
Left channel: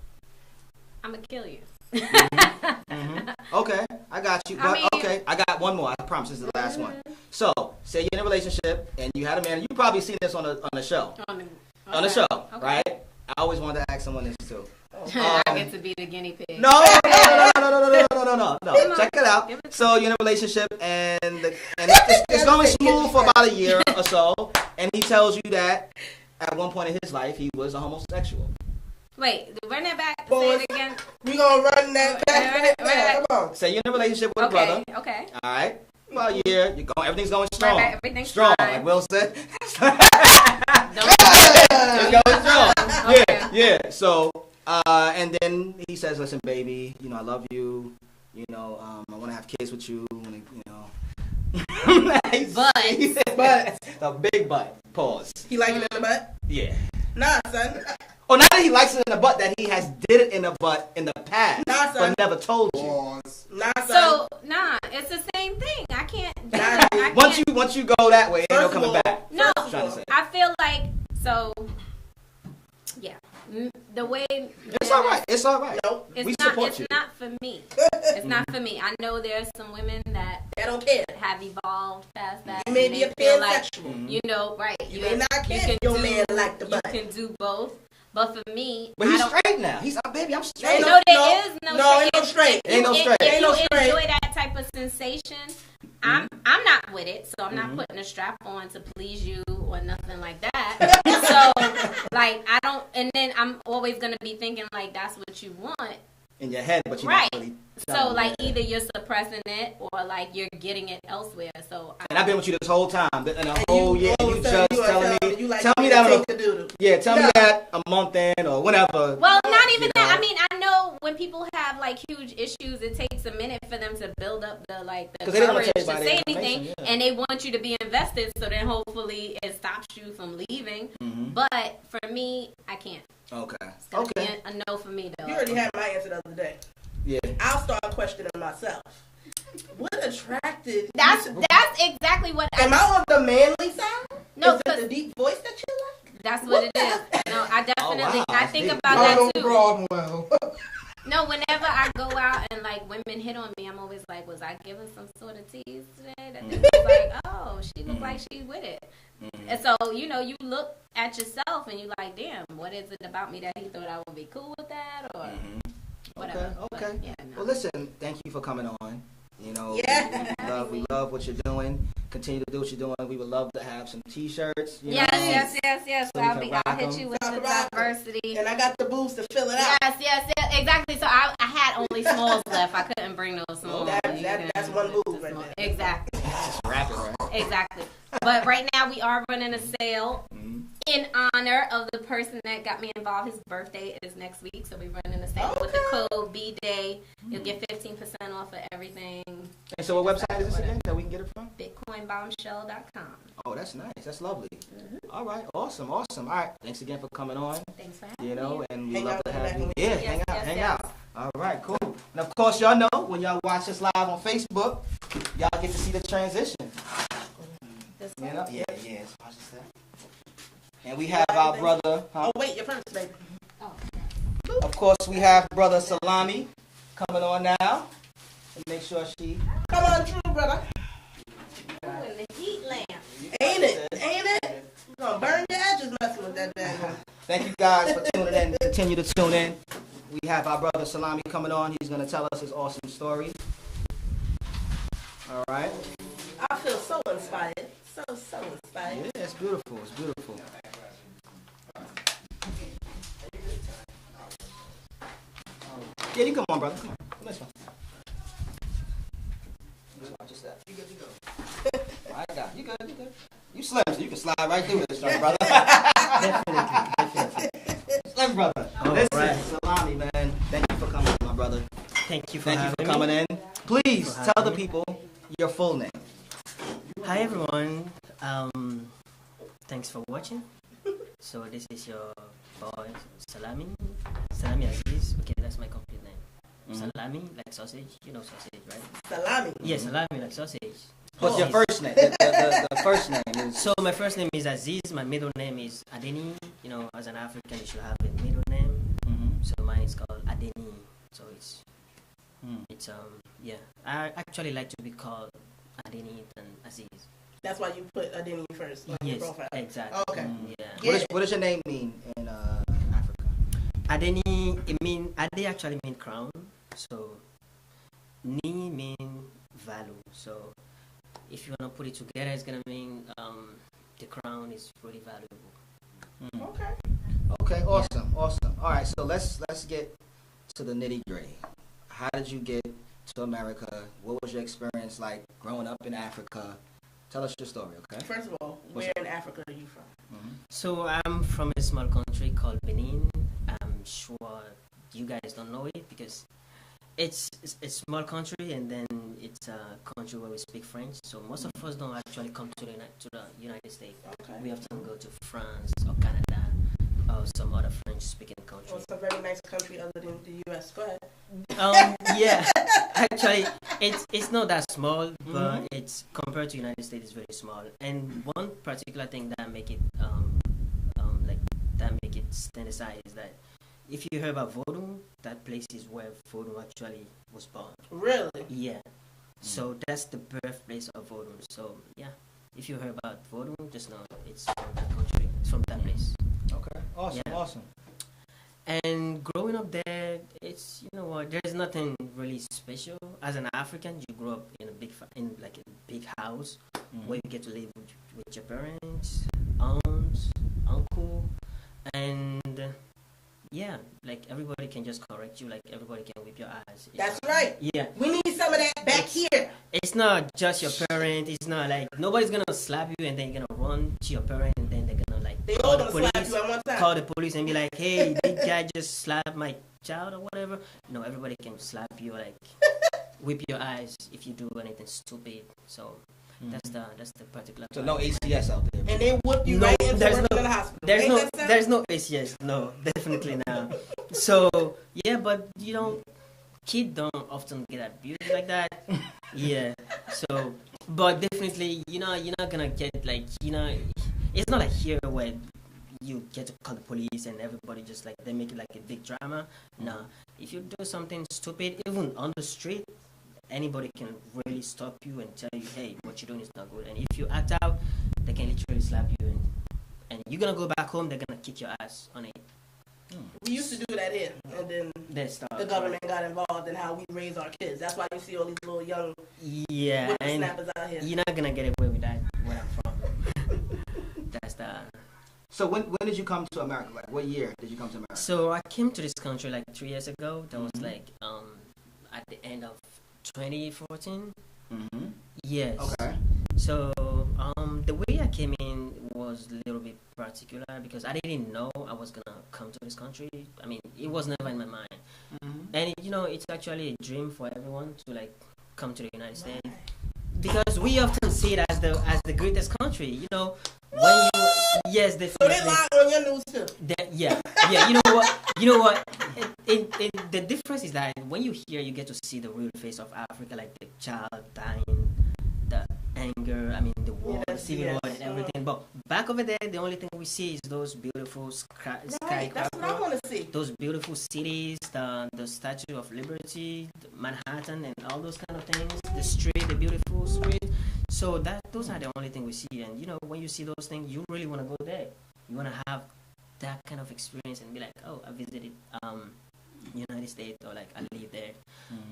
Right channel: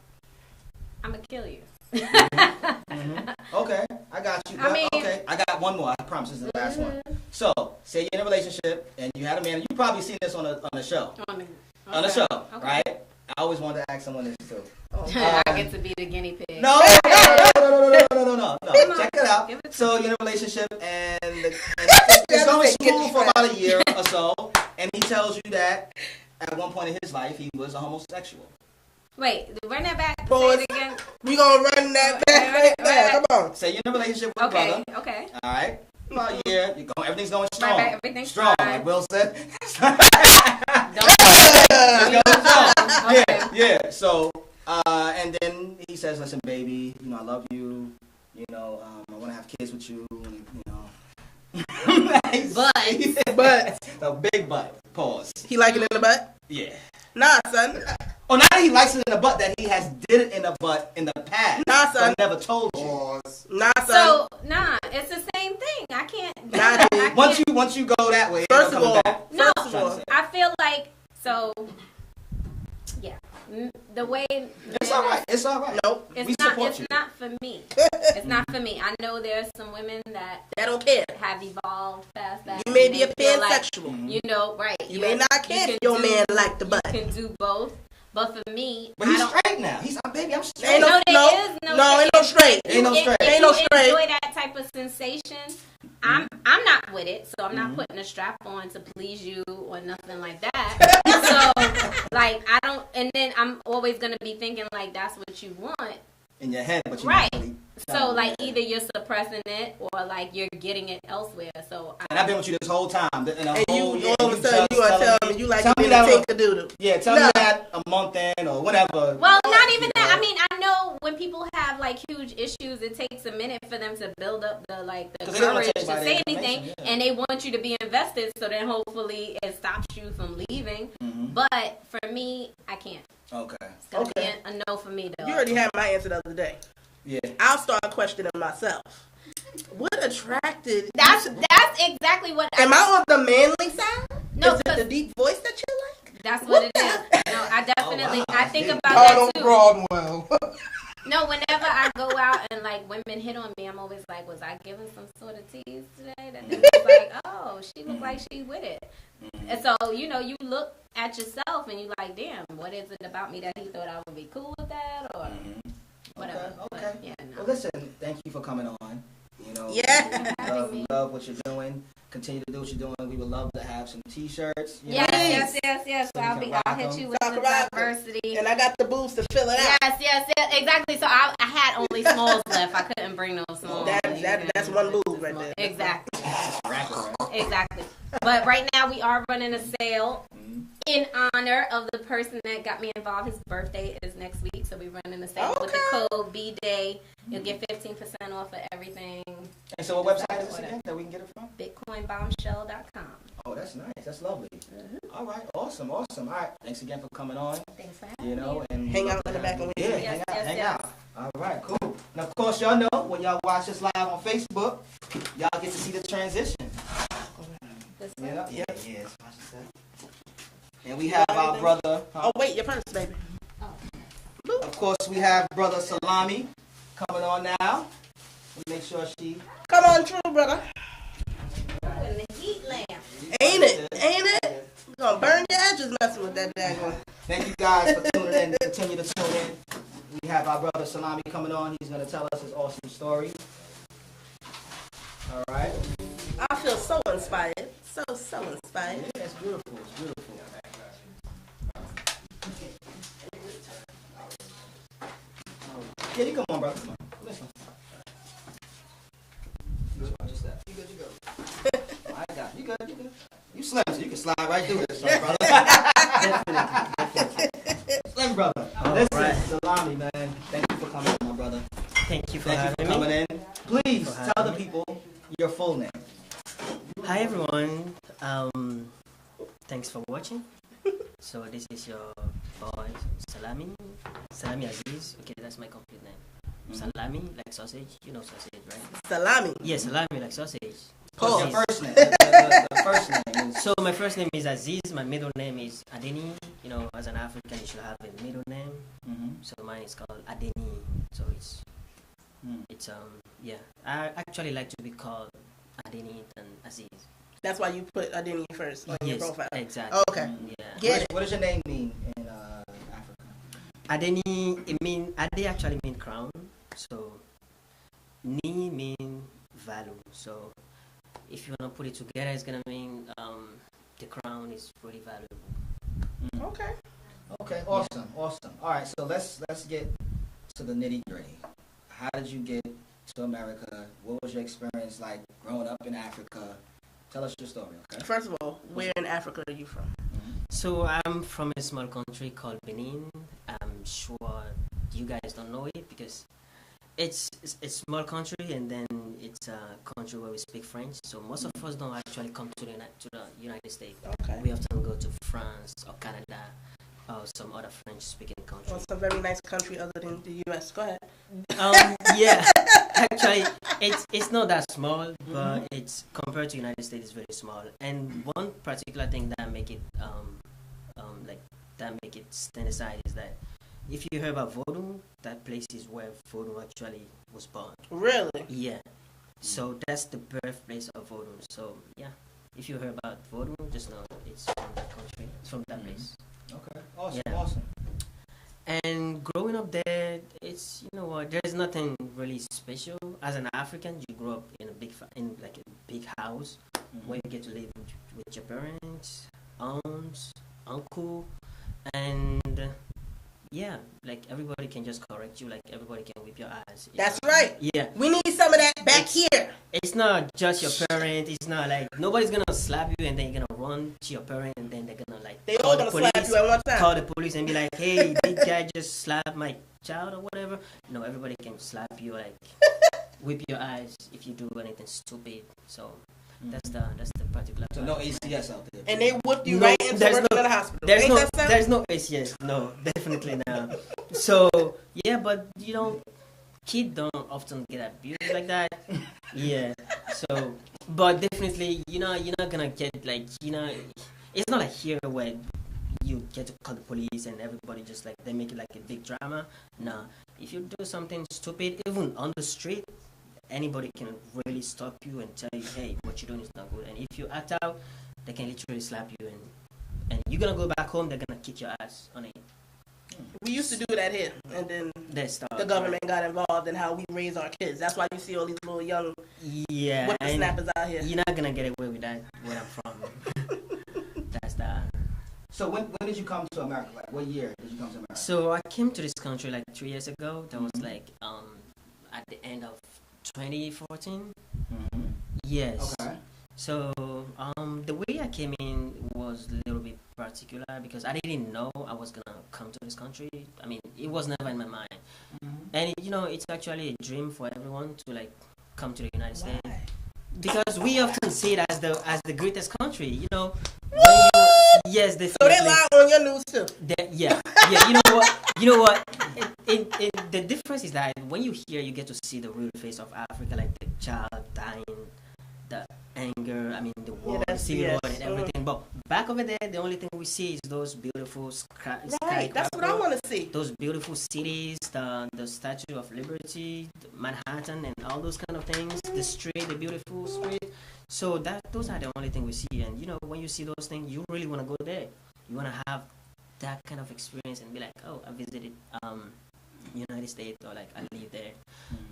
I'm gonna kill you. Okay, I got you. But, okay, I got one more. I promise this is the last one. So, say you're in a relationship and you had a man. You probably seen this on the show. On the show, right? I always wanted to ask someone this too. I get to be the guinea pig. No. Check it out. So you're in a relationship and it's going smooth for about a year or so, and he tells you that at one point in his life he was a homosexual. Wait, run that back. Say it again. We gonna run that back. Come on. Say you're in a relationship with a brother. Okay. All right. About a year, everything's going strong. Right, everything's strong, fine. like Will said. Okay. Yeah. So, and then he says, "Listen, baby, I love you. I want to have kids with you. But a big butt. Pause. He like it in the butt? Yeah. Nah, son. Oh, not that he likes it in the butt, that he has did it in the butt in the past. Nah, son. But never told you. Pause. Nah, son. So, it's the same thing. I can't. Once you go that way, first you're of all, coming back. No, I feel like yeah. The way it's all right. It's all right. Nope. It's not for me. It's not for me. I know there's some women that don't care. Have evolved past that. You may be a pansexual. Right. You may not care. Your man like the butt. You can do both. But for me, but he's straight now. He's baby. I'm straight. Ain't no straight. If you enjoy that type of sensation, I'm not with it, so I'm not putting a strap on to please you or nothing like that. So like I don't, and then I'm always gonna be thinking like that's what you want in your head, but you right. So like either you're suppressing it or like you're getting it elsewhere. So and I've been with you this whole time, and the whole year you just telling me, tell me that tell me that a month in or whatever. Well, not even that. I mean, I know when people have have like huge issues, it takes a minute for them to build up the Because courage to say anything, and they want you to be invested. So then hopefully it stops you from leaving. Mm-hmm. But for me, I can't. Okay. It's gonna be a no for me though. You already had my answer the other day. Yeah. I'll start questioning myself. What attracted? That's exactly what. Am I on the manly side? No, is it the deep voice that you like? That's what it is. No, I definitely. I think about that too. Broadwell. No, whenever I go out and like women hit on me, I'm always like, was I giving some sort of tease today? That they was like, oh, she looked like she's with it. And so, you know, you look at yourself and you like, damn, what is it about me that he thought I would be cool with that or whatever. Okay. But, yeah, no. Well, listen, thank you for coming on. You know, yeah. we love what you're doing. Continue to do what you're doing. We would love to have some T-shirts. Yes. So I'll hit you with the diversity. And I got the boots to fill it out. Yes, exactly. So I had only smalls left. I couldn't bring no smalls. That's one boob right there. Exactly. Exactly. But right now we are running a sale in honor of the person that got me involved. His birthday is next week, so we're running a sale with the code BDAY. You'll get 15% off of everything. And so what website is this again that we can get it from? BitcoinBombshell.com. Oh, that's nice. That's lovely. All right. Awesome. All right. Thanks again for coming on. Thanks for having me. And hang out in the back. Hang out. All right. Cool. And of course, y'all know when y'all watch this live on Facebook, y'all get to see the transition. Yeah. Watch this. And we have our brother. Oh wait, your purse, baby. Of course, we have brother Salami coming on now. Make sure she. Come on, true brother. And the heat lamp. Ain't it? You gonna burn your edges messing with that bag. Thank you guys for tuning in. Continue to tune in. We have our brother Salami coming on. He's gonna tell us his awesome story. All right. I feel so inspired. So inspired. Yeah, it's beautiful. It's beautiful. Yeah, you come on, brother. Come on. Listen. Just that. You good? I got you. You good? You slim, so you can slide right through this, brother. Definitely. Slim, brother. Listen, right. Salami, man. Thank you for coming, my brother. Thank you for having me. Coming in. Please tell the people your full name. Hi, everyone. Thanks for watching. So this is your boy Salami Aziz. Okay, that's my complete name. Salami, like sausage. You know sausage, right? Salami. Yeah, salami, like sausage. What's your first name? The first name is... So my first name is Aziz. My middle name is Adeni. You know, as an African, you should have a middle name. So mine is called Adeni. So it's yeah. I actually like to be called Adeni than Aziz. That's why you put Adeni first on your profile. Exactly. Oh, okay. Yeah. What does your name mean in Africa? Adeni, Ade actually mean crown. So Ni mean value. So if you wanna put it together, it's gonna mean the crown is pretty valuable. Okay. Awesome. All right. So let's get to the nitty gritty. How did you get to America? What was your experience like growing up in Africa? Tell us your story, okay? First of all, where in Africa are you from? So I'm from a small country called Benin. I'm sure you guys don't know it because it's a small country and then it's a country where we speak French. So most of us don't actually come to the United States. Okay. We often go to France or Canada or some other French-speaking country. Well, it's a very nice country other than the U.S. Go ahead. Yeah, actually, it's not that small, but it's compared to United States, it's very small. And one particular thing that make it stand aside is that if you hear about Vodou, that place is where Vodou actually was born. Really? Yeah. So that's the birthplace of Vodou. So yeah, if you hear about Vodou, just know it's from that country, it's from that place. Okay. Awesome. And growing up there, it's, you know what, there's nothing really special. As an African, you grow up in a big house where you get to live with your parents, aunts, uncle, and yeah, like everybody can just correct you, like everybody can whip your ass. That's right. Yeah. We need some of that back here. It's not just your parent. It's not like nobody's gonna slap you and then you're gonna run to your parent and then they're gonna call the police and be like, hey, big guy just slapped my child or whatever, no, everybody can slap you, like whip your eyes if you do anything stupid. So that's the particular. So no ACS out there. And they whip you No, right into there's the no, hospital. there's Ain't no, that something? there's no ACS. No, definitely not. So yeah, but kids don't often get abused like that. Yeah. So, but definitely, you're not gonna get like, it's not like here where you get to call the police and everybody just like they make it like a big drama. Nah, if you do something stupid, even on the street, anybody can really stop you and tell you, hey, what you're doing is not good. And if you act out, they can literally slap you and you're gonna go back home. They're gonna kick your ass on it. We used to do that here, and then the government got involved in how we raise our kids. That's why you see all these little young whippersnappers out here. You're not gonna get away with that where I'm from. That's the. So when did you come to America? Like what year did you come to America? So I came to this country like 3 years ago. That was like at the end of 2014. Mm-hmm. Yes. Okay. So the way I came in was a little bit particular because I didn't know I was gonna come to this country. I mean, it was never in my mind. Mm-hmm. And it's actually a dream for everyone to like come to the United States because we often see it as the greatest country. When yes, definitely. So they lie on your news too. Yeah. You know what? The difference is that when you hear, you get to see the real face of Africa, like the child dying, the anger. I mean, the war, the civil war, and everything. But back over there, the only thing we see is those beautiful skyscrapers. That's what I want to see. Those beautiful cities, the Statue of Liberty, Manhattan, and all those kind of things. The beautiful street. So those are the only thing we see. And when you see those things, you really want to go there. You want to have that kind of experience and be like, oh, I visited United States, or like I live there.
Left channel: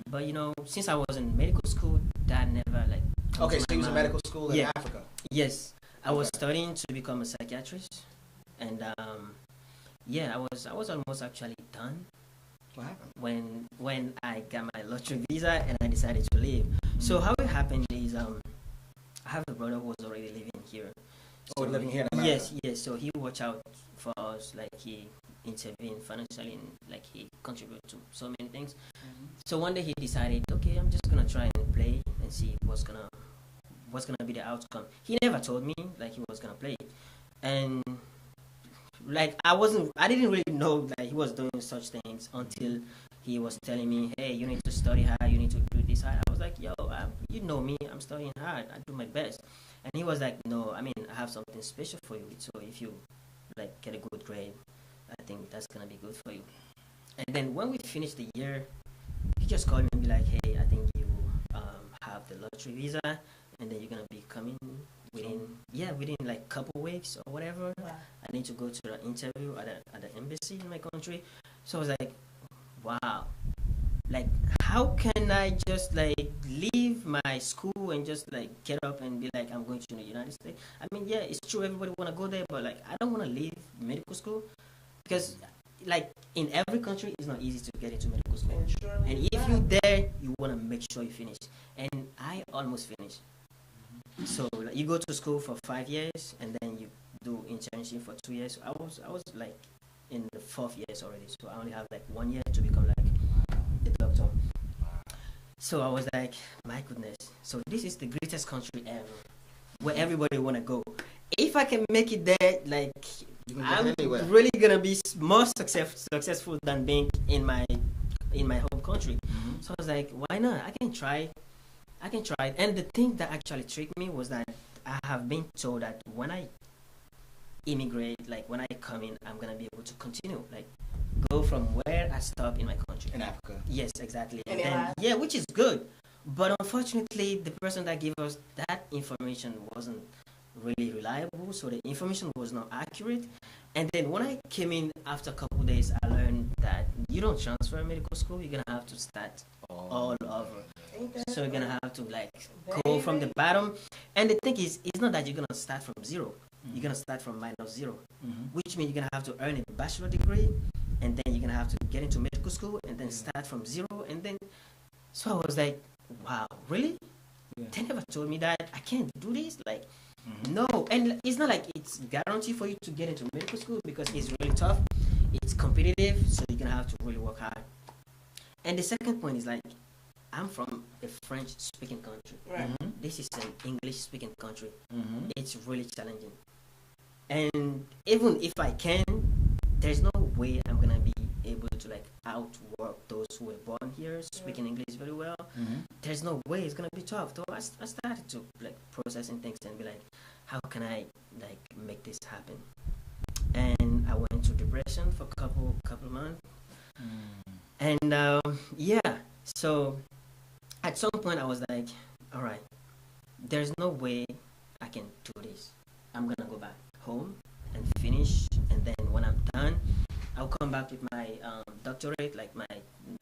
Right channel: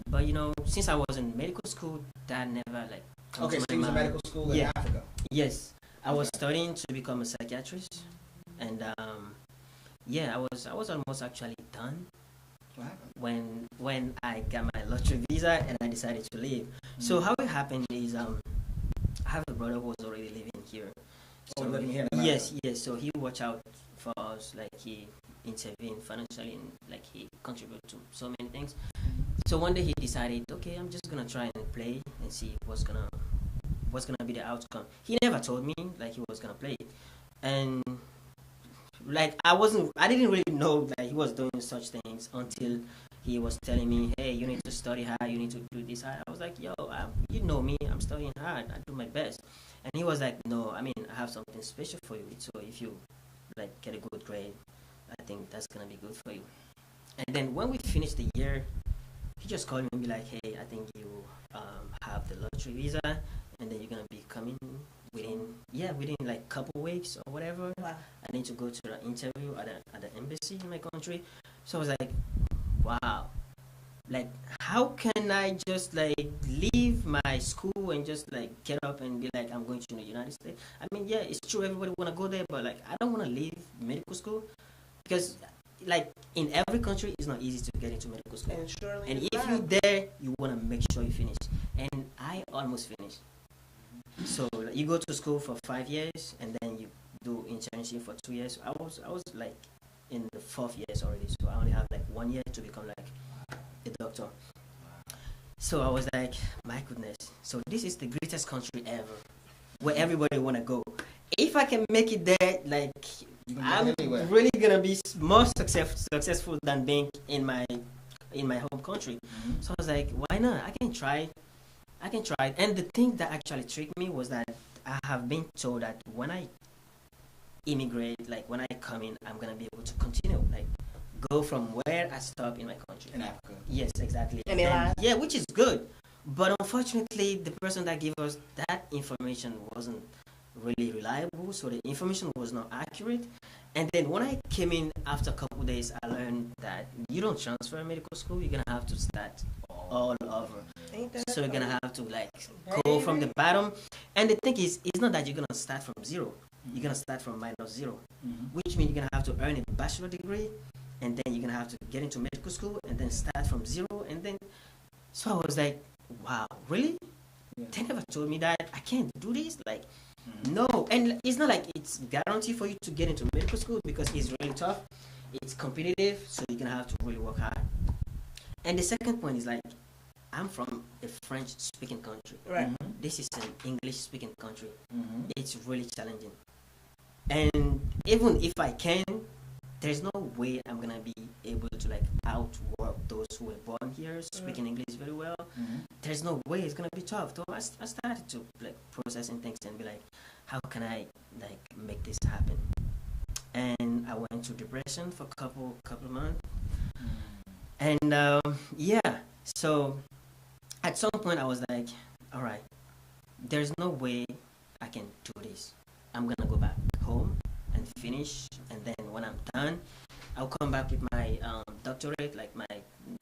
But since I was in medical school, that never like. Okay, so you was in medical school in Africa. Yes, I was studying to become a psychiatrist, and I was almost actually done. What happened? When I got my lottery visa and I decided to leave. So how it happened is I have a brother who was already living here. So living here in America. Yes. So he watched out for us, like he intervened financially and like he contributed to so many things. So one day he decided, okay, I'm just gonna try and play and see what's gonna be the outcome. He never told me like he was gonna play it, and like I didn't really know that he was doing such things until he was telling me, hey, you need to study hard, you need to do this hard. I was like, yo, you know me, I'm studying hard, I do my best. And he was like, no, I mean, I have something special for you. So if you like get a good grade, I think that's gonna be good for you. And then when we finished the year, he just called me and be like, hey, I think you have the lottery visa, and then you're gonna be coming within like a couple weeks or whatever. Wow. I need to go to the interview at the embassy in my country. So I was like, wow, like how can I just like leave my school and just like get up and be like, I'm going to the United States? I mean, yeah, it's true, everybody want to go there, but like I don't want to leave medical school because like in every country it's not easy to get into medical school, and if you're there you want to make sure you finish, and I almost finished. So like, you go to school for 5 years and then you do internship for 2 years. I was like in the 4th years already, so I only have like 1 year to become like a doctor. So I was like, my goodness, so this is the greatest country ever where everybody want to go. If I can make it there, like I'm really gonna be more successful than being in my home country. So I was like, why not? I can try. And the thing that actually tricked me was that I have been told that when I immigrate, like when I come in, I'm gonna be able to continue, like go from where I stopped in my country. In Africa. Yes, exactly. And yeah, which is good. But unfortunately, the person that gave us that information wasn't really reliable, so the information was not accurate. And then when I came in after a couple of days, I learned that you don't transfer medical school, you're gonna have to start all over. So you're gonna have to like go from the bottom. And the thing is, it's not that you're gonna start from zero. You're gonna start from -0, which means you're gonna have to earn a bachelor degree, and then you're gonna have to get into medical school and then start from zero. And then, so I was like, wow, really? They never told me that I can't do this. Like, no. And it's not like it's guaranteed for you to get into medical school because it's really tough. It's competitive, so you're gonna have to really work hard. And the second point is like, I'm from a French-speaking country. Right. This is an English-speaking country. It's really challenging. And even if I can, there's no way I'm gonna be able to like outwork those who were born here speaking English very well. There's no way. It's gonna be tough. So I started to like processing things and be like, how can I like make this happen? And I went through depression for a couple months. And yeah, so at some point I was like, all right, there's no way I can do this. I'm gonna go back home and finish, and then when I'm done, I'll come back with my doctorate, like my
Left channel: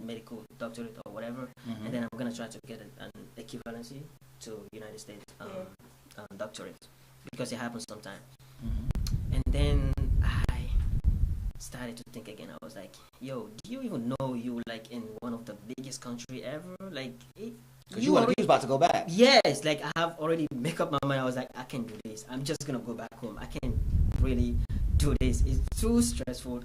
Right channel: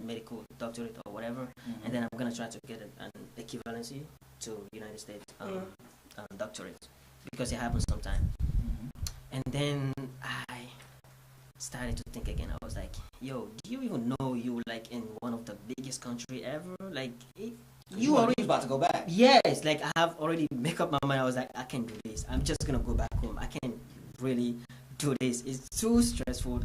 medical doctorate or whatever, and then I'm gonna try to get an equivalency to United States doctorate, because it happens sometime. And then I started to think again. I was like, yo, do you even know you like in one of the biggest country ever? Like you already was about to go back. Yes, like I have already make up my mind. I was like, I can do this. I'm just gonna go back home. I can't really do this. It's too stressful.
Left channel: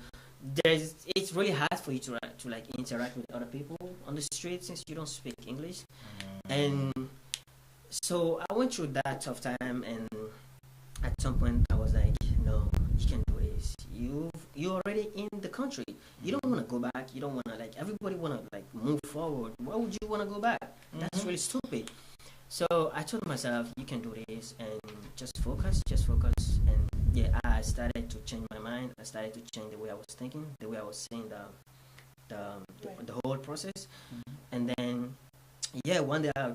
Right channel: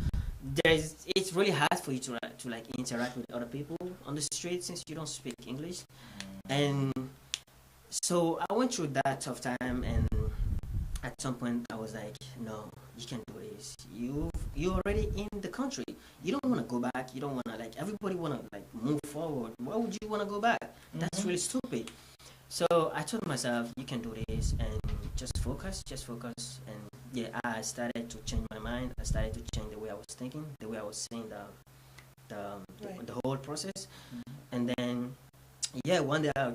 It's really hard for you to like interact with other people on the street since you don't speak English. And so I went through that tough time, and at some point I was like, no, you can do this. You're already in the country. You don't want to go back. You don't want to like, everybody want to like move forward. Why would you want to go back? That's really stupid. So I told myself, you can do this, and just focus. And yeah, I started to change my mind. I started to change the way I was thinking, the way I was seeing the whole process. And then yeah, one day I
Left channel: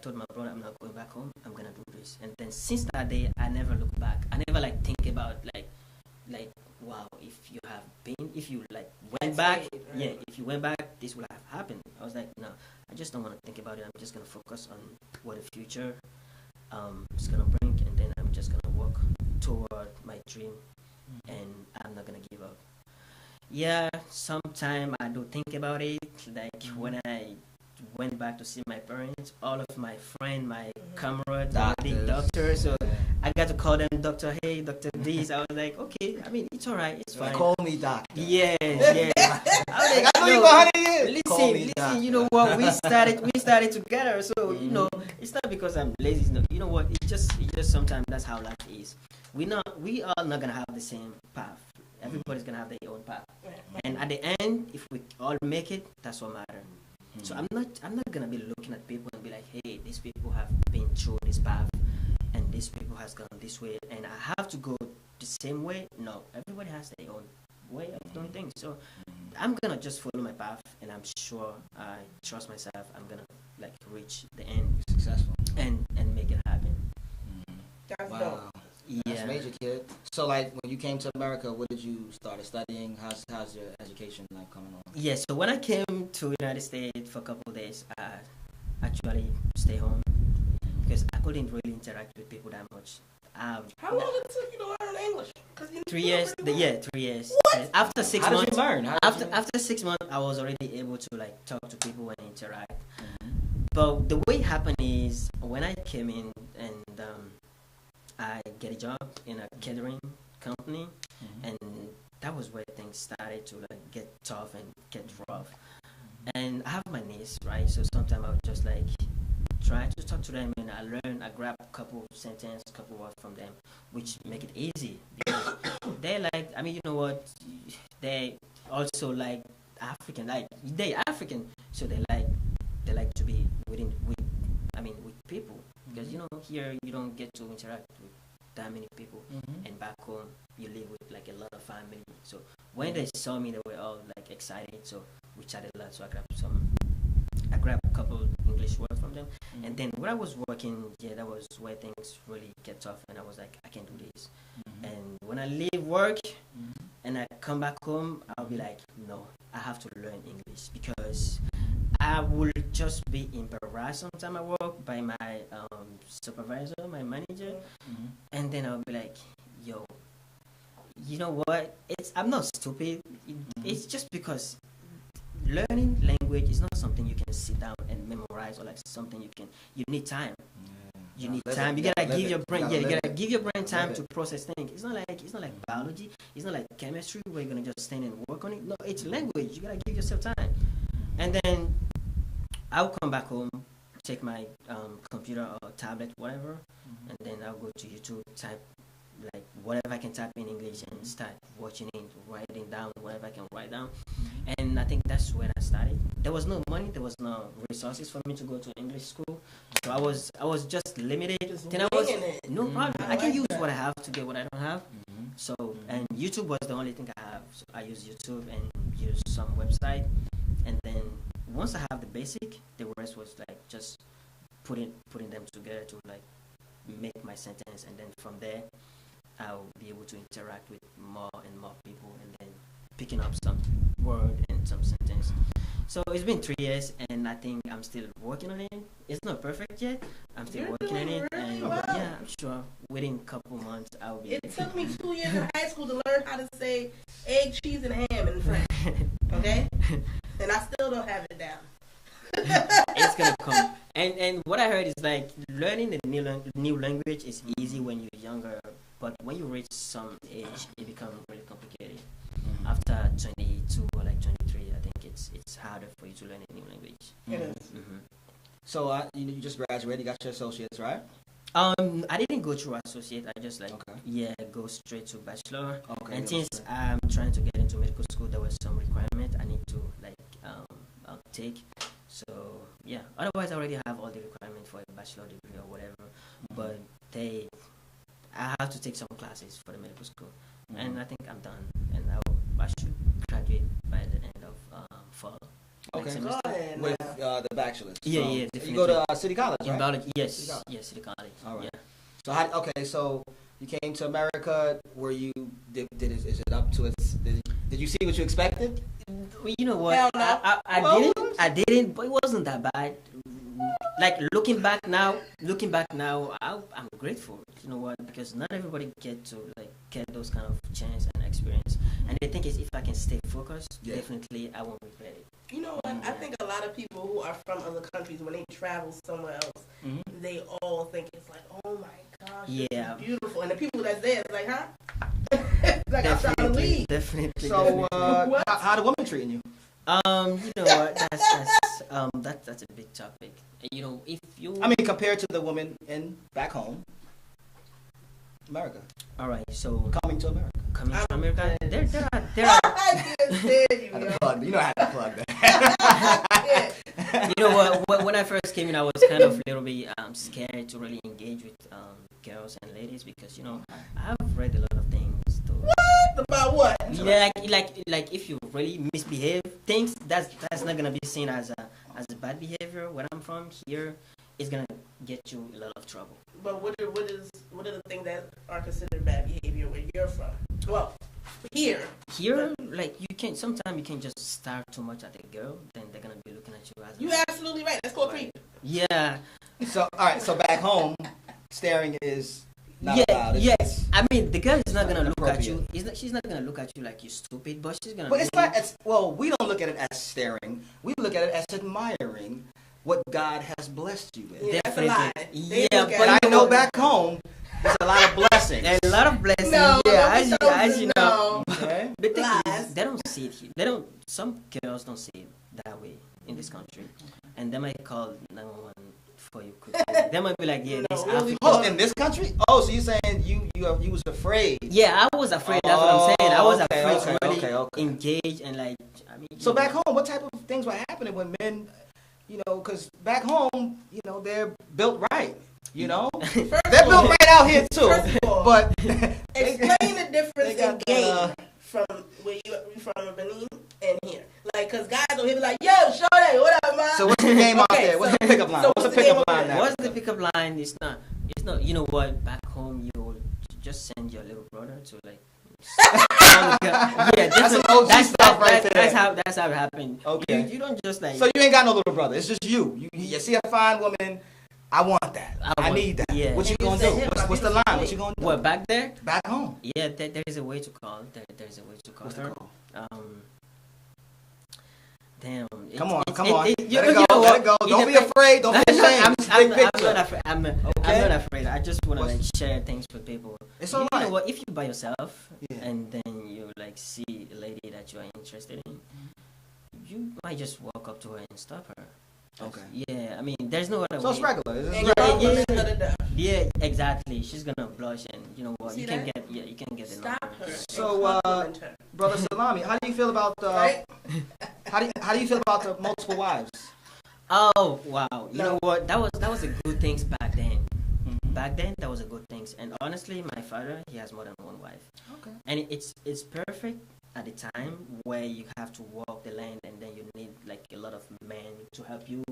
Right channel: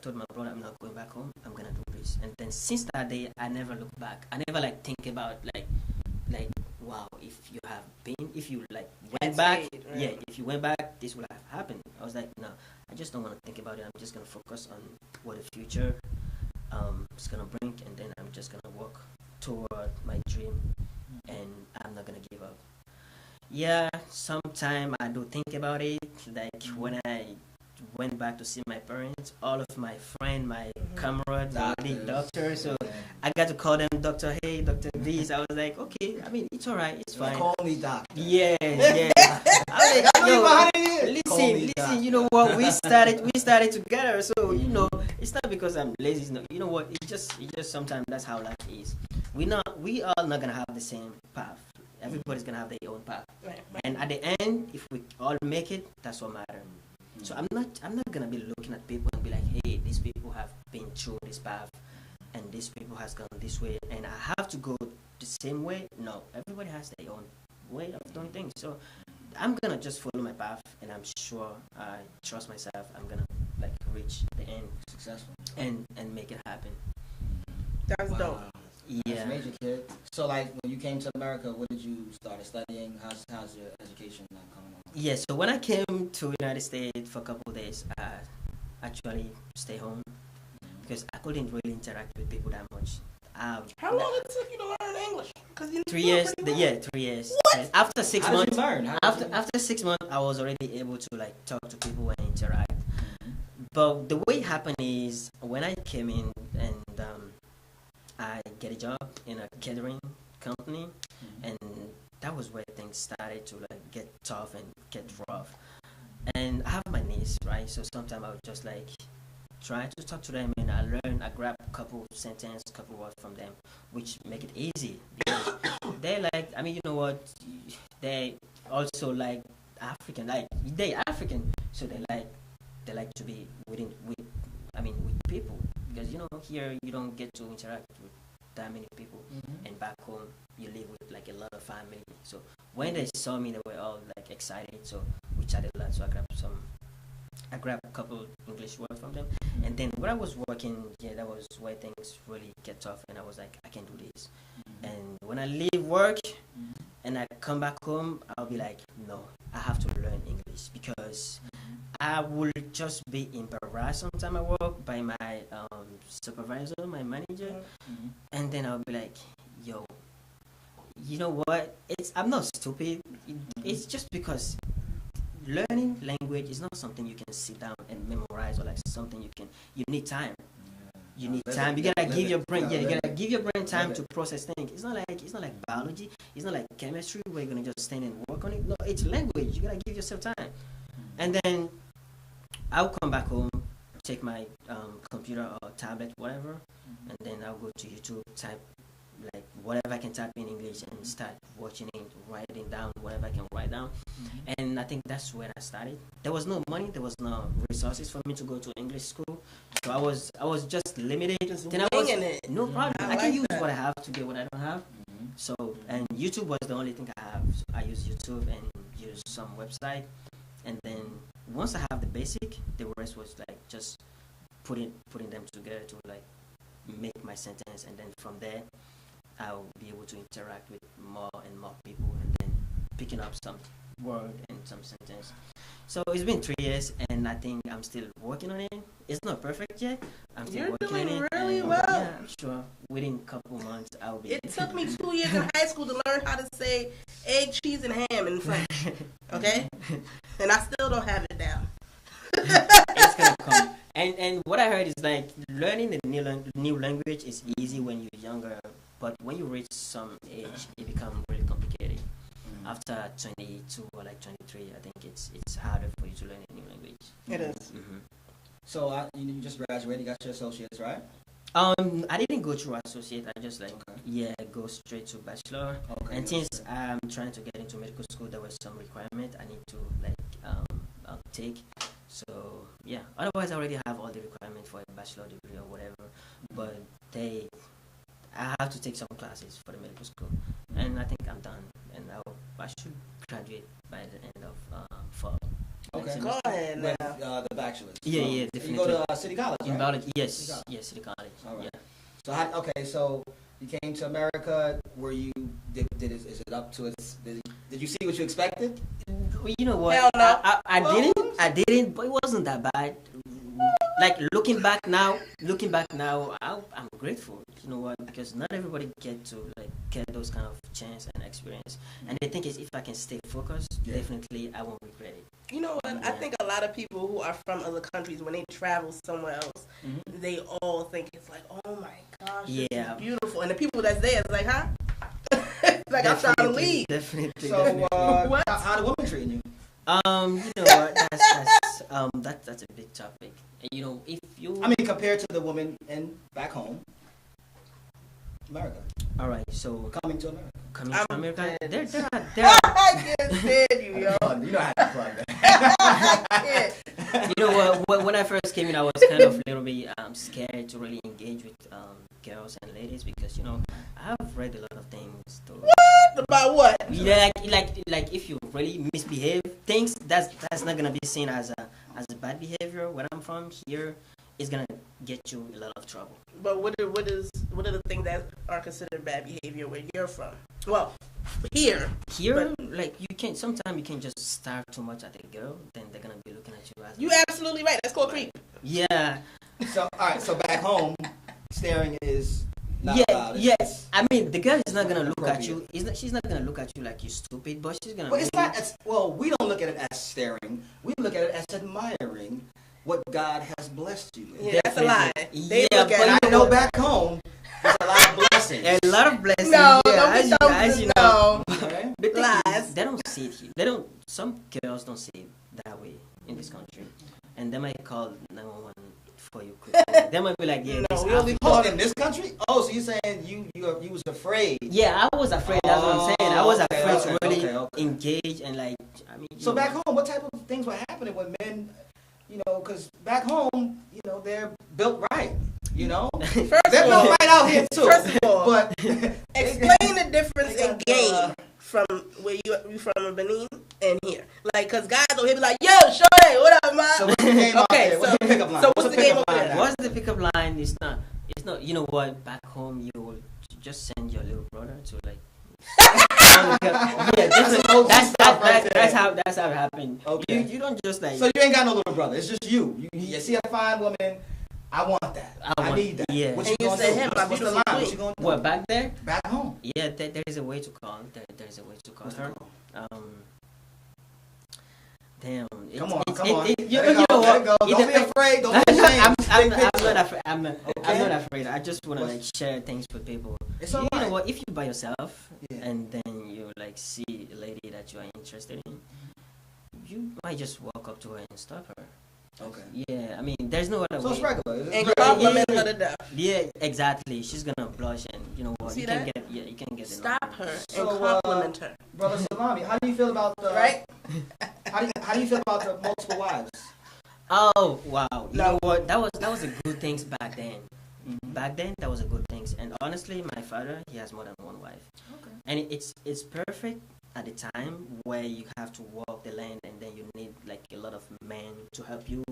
told my brother, I'm not going back home. I'm gonna do this. And then since that day, I never look back. I never like think about like wow, if you like went back, if you went back, this would have happened. I was like, no, I just don't want to think about it. I'm just gonna focus on what the future is gonna bring, and then I'm just gonna work toward my dream, and I'm not gonna give up. Yeah, sometime I do think about it. Like when I went back to see my parents, all of my friends, my comrades, already doctors, so I got to call them Dr. Hey, Dr. This. I was like, okay, I mean, it's alright, it's fine. Call me doctor. Yeah. I was like, yo, listen, you know what? We started together, so you know, it's not because I'm lazy. No, you know what? It's just sometimes that's how life is. We all not gonna have the same path. Everybody's gonna have their own path, and at the end, if we all make it, that's what matters. So I'm not gonna be looking at people and be like, hey, these people have been through this path, and these people has gone this way, and I have to go the same way. No, everybody has their own way of doing things. So I'm gonna just follow my path, and I'm sure I trust myself. I'm gonna like reach the end, successful, and make it happen. That's dope. Yeah. That's major, kid. So, like, when you came to America, what did you start studying? How's your education now coming on? Yeah, so when I came to United States for a couple of days, I actually stay home because I couldn't really interact with people that much. How long did it take you to learn English? 3 years. 3 years. What? After 6 months, Did you learn? after 6 months, I was already able to like talk to people and interact. But the way it happened is when I came in and I get a job in a catering company, and that was where things started to like get tough and get rough. And I have my niece, right? So sometimes I would just like try to talk to them, and I grab a couple sentences, couple words from them, which make it easy because they like, I mean, you know what? They also like African, like they African, so they like to be with people, because you know here you don't get to interact with that many people, and back home you live with like a lot of family. So when they saw me, they were all like excited. So we chatted a lot. So I grabbed a couple English words from them, and then when I was working, that was where things really get tough, and I was like, I can do this. And when I leave work and I come back home, I'll be like, no, I have to learn English, because I will just be embarrassed sometime at work by my supervisor, my manager, and then I'll be like, yo, you know what? I'm not stupid. It's just because learning language is not something you can sit down and memorize, or like something you need time. You need time. You gotta give your brain. Yeah, you gotta give your brain time to process things. It's not like biology. It's not like chemistry where you're gonna just stand and work on it. No, it's language. You gotta give yourself time. And then I'll come back home, take my computer or tablet, whatever, and then I'll go to YouTube, type like whatever I can type in English and start watching it, writing down whatever I can write down. And I think that's where I started. There was no money, there was no resources for me to go to English school, so I was just limited. Then I was no problem. I can use what I have to get what I don't have. So, and YouTube was the only thing I have. So I use YouTube and use some website, and then once I have the basic, the rest was like just putting them together to like make my sentence, and then from there I'll be able to interact with more and more people, and then picking up some word and some sentence. So it's been 3 years, and I think I'm still working on it. It's not perfect yet. I'm still working on it. Really and well. Yeah, I'm sure within a couple months I'll be. It took me 2 years in high school to learn how to say egg, cheese, and ham in French. Okay, and I still don't have it down. It's gonna come. And what I heard is like learning a new language is easy when you're younger, but when you reach some age, it becomes really complicated. After 22 or like 23, I think it's harder for you to learn a new language. It is. So you just graduated, you got your associates, right? I didn't go through associate. I just go straight to bachelor. Okay. And since I'm trying to get into medical school, there was some requirement I need to take. So yeah, otherwise I already have all the requirements for a bachelor degree or whatever. But I have to take some classes for the medical school, and I think I'm done. And I should graduate by the end of fall. Okay, go ahead. With the bachelor's. Yeah, definitely. You go to City College, right? In biology, yes, City College. All right. Yeah. So you came to America. Were you is it up to its? Did you see what you expected? You know what? I didn't, but it wasn't that bad. Like looking back now, I'm grateful. You know what? Because not everybody get those kind of chance and experience. And the thing is, if I can stay focused, definitely I won't regret it. You know what? I think a lot of people who are from other countries, when they travel somewhere else, they all think it's like, oh my gosh, it's beautiful. And the people that's there is like, huh? Like I'm trying to leave. Definitely. So, how the women treating you? You know what? That's a big topic. You know, if you, I mean, compared to the women back home, America. All right, so coming to America, there are. I just said you, yo. You don't have to plug that. You know what? When I first came in, I was kind of a little bit scared to really engage with girls and ladies because I've read a lot of things. About what? Yeah, like if you really misbehave, things that's not gonna be seen as a bad behavior. Where I'm from here, it's gonna get you a lot of trouble. But what are the things that are considered bad behavior where you're from? Well, here, like sometimes you can just stare too much at a girl, then they're gonna be looking at you as. You're absolutely right. That's called creep. Yeah. So all right. So back home, staring is. Yes. I mean, the girl is not gonna look at you. She's not gonna look at you like you're stupid, but she's gonna. But it's not as well. We don't look at it as staring. We look at it as admiring what God has blessed you with. Yeah, that's a lie. Yeah, but I know back home, there's a lot of blessings. A lot of blessings. No, yeah, as you know. Okay. The thing is, they don't see it. They don't. Some girls don't see it that way in this country, and they might call 911 for you quickly. They might be like, yeah, in this country? Oh, so you saying you was afraid? Yeah, I was afraid. That's what I'm saying. I was afraid to really engage and So back home, what type of things were happening when men? Because back home, they're built right. They're built right out here too. First of all, but explain the difference in game from where you from Benin and here. Like, cause guys will be like, "Yo, shorty, what up, man?" So what's the game out there? What's the pickup line? So what's the pickup line? What's the pickup line? It's not. You know what? Back home, you will just send your little brother to like. That's how it happened. Okay. You don't just like. So you ain't got no little brother. It's just you. You see a fine woman. I want that. I need that. Yeah. What you gonna do? What's the line? What you gonna do? What, back there? Back home. Yeah, there is a way to call. There is a way to call her. Damn. Come on. You know what? Don't be afraid. Don't be ashamed. I'm not afraid. I'm not afraid. I just want to share things with people. You know what? If you're by yourself and then you see a lady that you are interested in, you might just walk walk up to her and stop her. Okay. Yeah, I mean, there's no other So way. it's regular. And compliment her to death. Yeah, exactly. She's gonna blush, and you know what? See You can that? get you can get the Stop number. her and So, compliment her. Brother Salami, how do you feel about Right? how do you feel about the multiple wives? Oh wow! You No. know what? That was a good thing back then. Mm-hmm. Back then, that was a good thing. And honestly, my father, he has more than one wife, Okay. and it's perfect at the time where you have to walk the land, and then you need like a lot of men to help you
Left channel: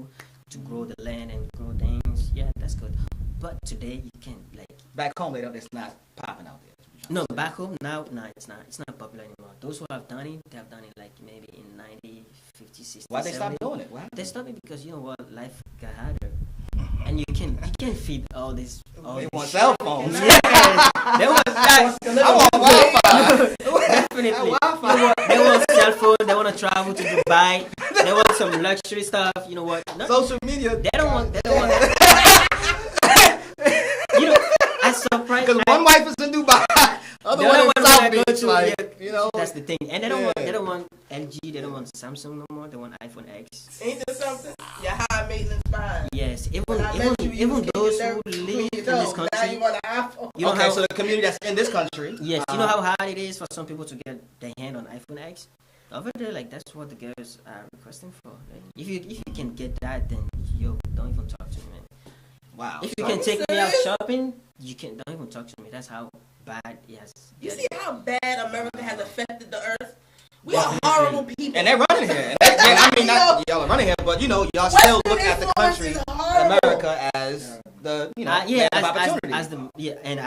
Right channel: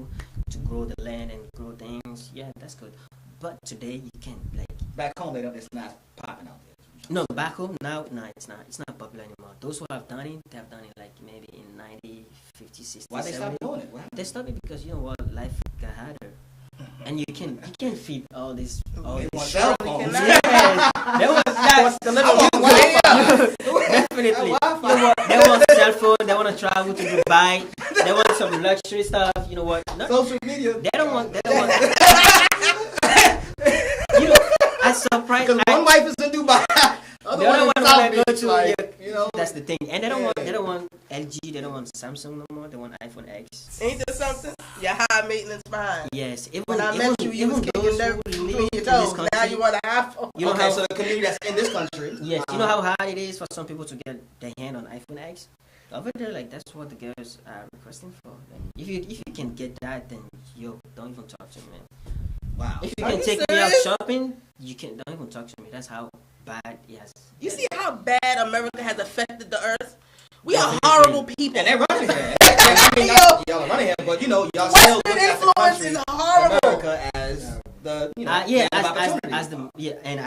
to grow the land and grow things. Yeah, that's good. But today, you can't like. Back home, it's not popping out there. No, back home now, no, it's not popular anymore. Those who have done it, they have done it like maybe in 90, 50, 60, Why they 70. stop doing it? What happened? They stopped it because you know what, life got harder, and you can feed all this. They want shit. cell phones. Yes, they want that. Definitely. You know what? They want cell phone. They want to travel to Dubai. They want some luxury stuff. You know what? No, Social media. they don't want. You know, I'm surprised. Because one wife is in Dubai. The other one South wanna go Beach, to, like, yeah, you know. that's the thing, and they don't want LG, they don't want Samsung no more. They want iPhone X. Ain't there something? Your high maintenance mind. Yes, When I met you, you was even getting those your who nerve live between in your this toes. Now country, you want an iPhone. you know Okay, how so the community that's in this country. yes, you know how hard it is for some people to get their hand on iPhone X. Over there, like that's what the girls are requesting for. And if you can get that, then yo, don't even talk to me, man. Wow. If you Are can you take me out serious? shopping, you can don't even talk to me. That's how bad it has. You see how bad America has affected the earth? We Definitely. are horrible people. And they're running here. I mean, not y'all are running here, but you know, y'all still Western look at the influence country, is horrible. America, as the Yeah, land of opportunity. as the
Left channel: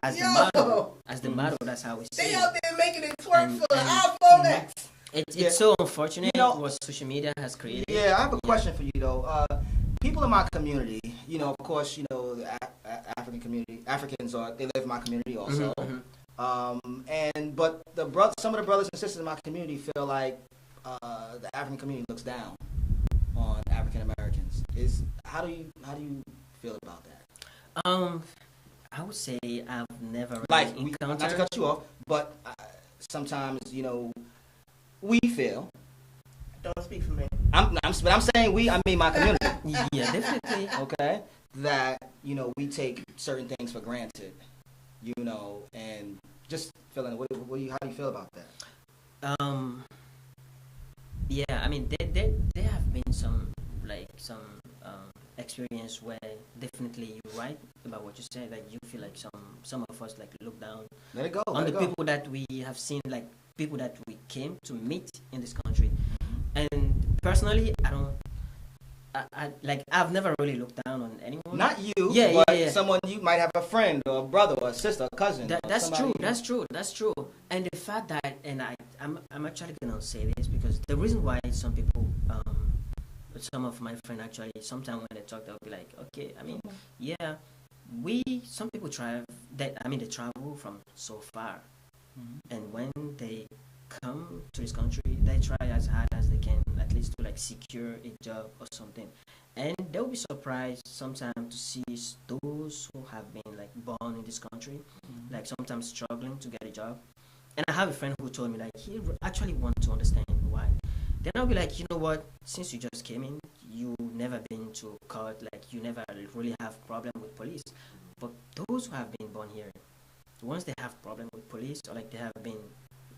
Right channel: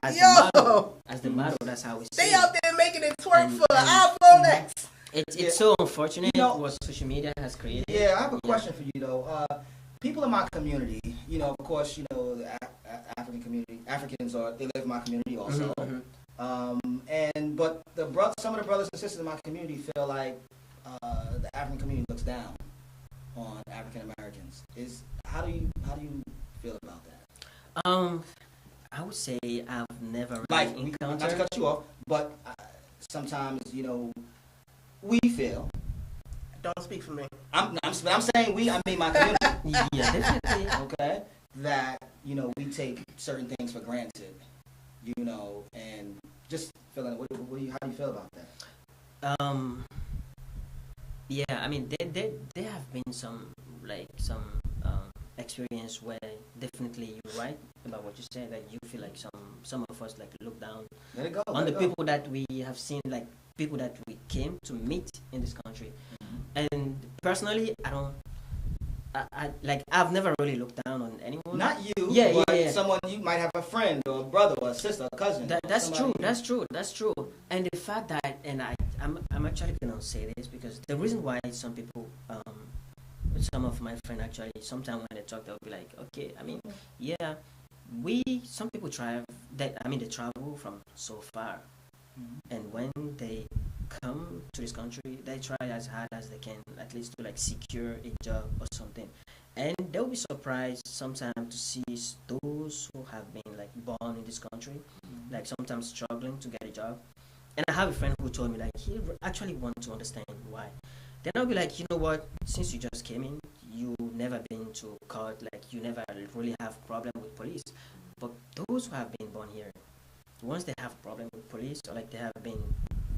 as Yo. the model, that's how we see They it. out there making it twerk for the And- iPhone X. It's so unfortunate You know- what social media has created. Yeah, I have a question for you though. People in my community, you know, of course, you know, the African community, Africans they live in my community also. Mhm. But some of the brothers and sisters in my community feel like the African community looks down on African Americans. How do you feel about that? I would say I've never really Like, not to encountered. cut you off, but sometimes you know we feel. Don't speak for me. I'm saying we. I mean my community. Yeah, definitely. Okay, that you know we take certain things for granted. You know, and just feeling. How do you feel about that? Yeah, I mean, there have been some experience where definitely you're right about what you said. Like you feel like some of us like look down Let it go. on the people that we have seen, like people that we came to meet in this country. And personally, I've never really looked down on anyone. Not you. Yeah, but yeah. Someone you might have a friend or a brother or a sister, a cousin. That's somebody- true. That's true. And the fact that, and I'm actually gonna say this because the reason why some people, some of my friends actually, sometimes when they talk, they'll be like, okay, I mean, yeah, some people they travel from so far, and when they come to this country, they try as hard as they can, at least to like secure a job or something. And they'll be surprised sometimes to see those who have been like born in this country, like sometimes struggling to get a job. And I have a friend who told me like he actually wants to understand why. Then I'll be like, you know what? Since you just came in, you never been to court, like you never really have problem with police. But those who have been born here, once they have problem with police or like they have been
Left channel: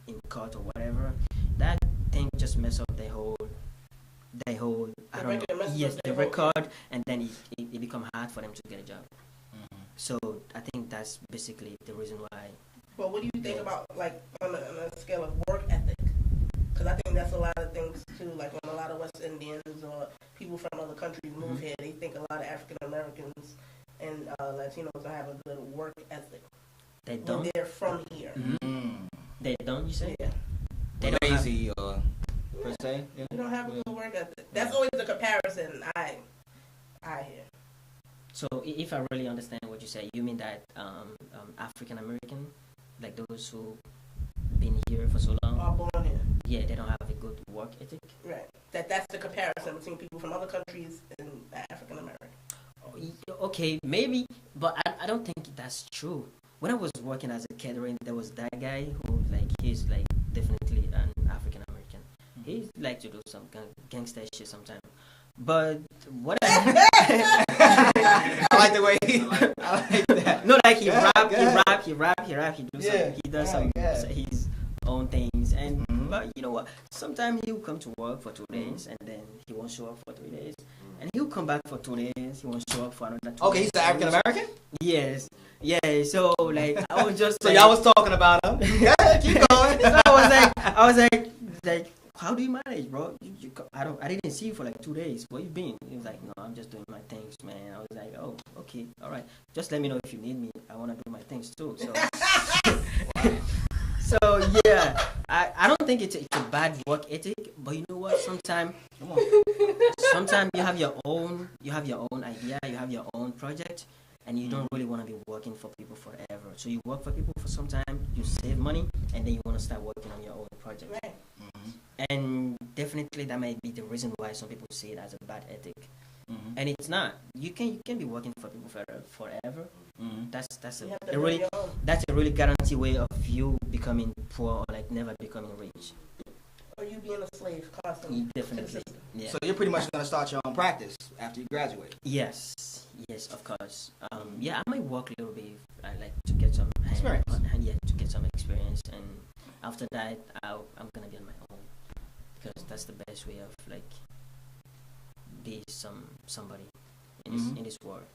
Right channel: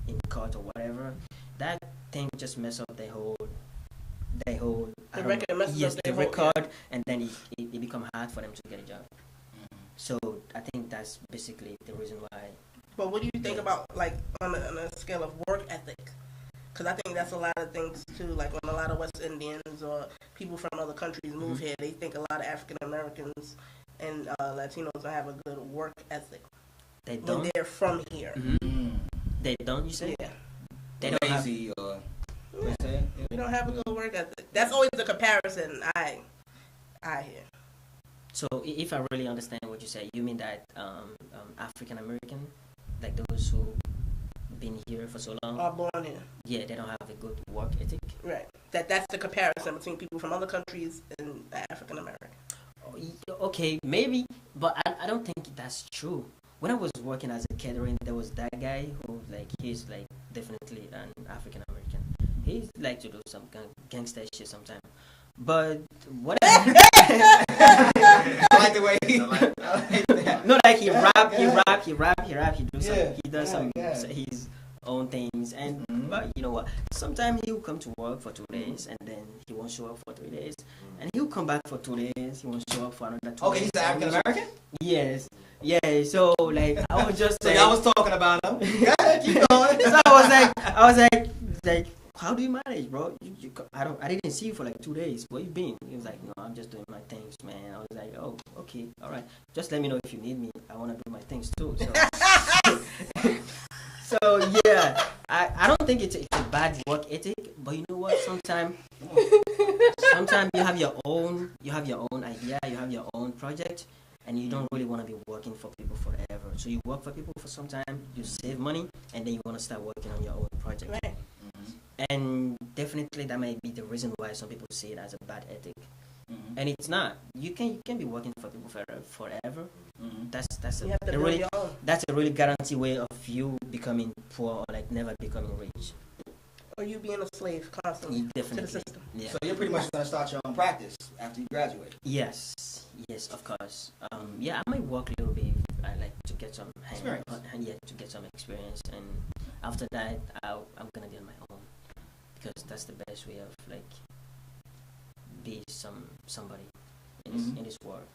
in court or whatever, that thing just mess up their whole the record, and then it become hard for them to get a job. So I think that's basically the reason why. But what do you think about, like, on a scale of work ethic? Because I think that's a lot of things, too. Like, when a lot of West Indians or people from other countries move here, they think a lot of African Americans and Latinos don't have a good work ethic. They When don't. they're from here. They don't. You say? Yeah. They don't have. Lazy or you say? We don't have a good work ethic. That's always the comparison I hear. So if I really understand what you say, you mean that African American, like those who been here for so long, All born here. yeah, they don't have a good work ethic. Right. That's the comparison between people from other countries and African American. Okay, maybe, but I don't think that's true. When I was working as a catering, there was that guy who he's definitely an African American. He like to do some gangster shit sometimes. But what? I like the way I like that. No, like he rap, he do Yeah, some, he does some yeah. his own things, and but you know what? Sometimes he'll come to work for 2 days, and then he won't show up for 3 days, and he'll come back for 2 days. He won't show up for another 2 Okay, days. he's African American. Yes, yeah. So like I was just So like, y'all was talking about him. Yeah, keep going. so I was like, how do you manage, bro? I didn't see you for like 2 days. Where you been? He was like, no, I'm just doing my things, man. I was like, oh, okay, all right. Just let me know if you need me. I want to do my things too. So, so yeah, I don't think it's a bad work ethic, but you know what? Sometimes you have your own idea, you have your own project, and you don't really want to be working for people forever. So you work for people for some time, you save money, and then you want to start working on your own project. Right. And definitely that might be the reason why some people see it as a bad ethic. And it's not. You can be working for people forever. That's a really guarantee way of you becoming poor or like never becoming rich. Or you being a slave constantly. Definitely. Yeah. So you're pretty much gonna start your own practice after you graduate. Yes, of course. Yeah, I might work a little bit. I like to get some Experience. to get some experience, and after that, I'm gonna be on my own because that's the best way of like be somebody in this world.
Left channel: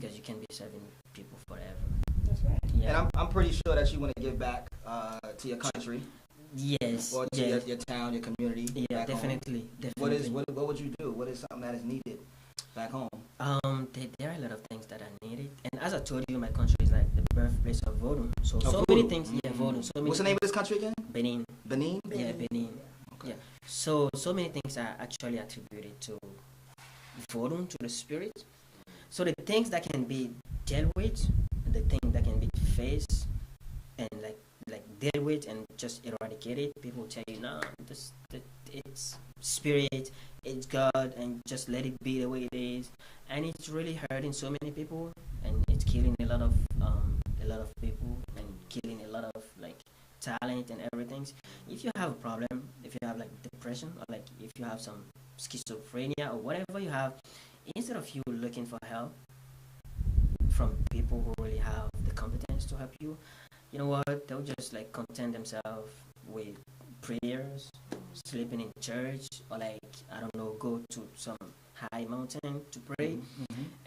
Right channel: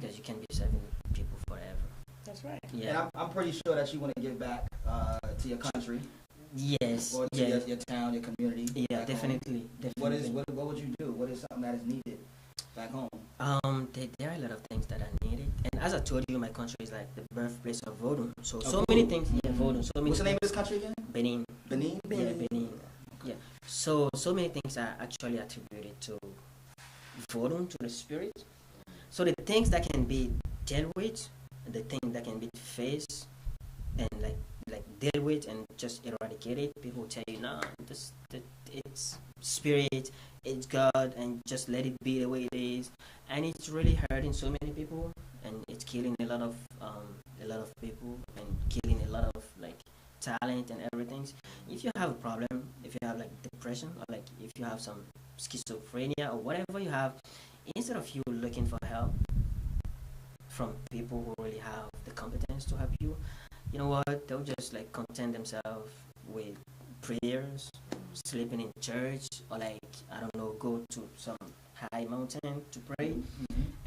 Because you can be serving people forever. That's right. Yeah. And I'm pretty sure that you want to give back to your country. Yes. Or to your town, your community. Yeah, back home. definitely. What would you do? What is something that is needed back home? There are a lot of things that are needed, and as I told you, my country is like the birthplace of voodoo. So many things. Yeah, voodoo. So many. What's the name of this country again? Benin. Benin. Yeah, Benin. Okay. Yeah. So many things are actually attributed to voodoo, to the spirit. So the things that can be dealt with, the things that can be faced, and like deal with and just eradicate it, people tell you, no, it's spirit, it's God, and just let it be the way it is. And it's really hurting so many people, and it's killing a lot of people, and killing a lot of like talent and everything. If you have a problem, if you have like depression, or like if you have some schizophrenia or whatever you have, instead of you looking for help from people who really have the competence to help you, you know what, they'll just like content themselves with prayers, sleeping in church, or like, I don't know, go to some high mountain to pray.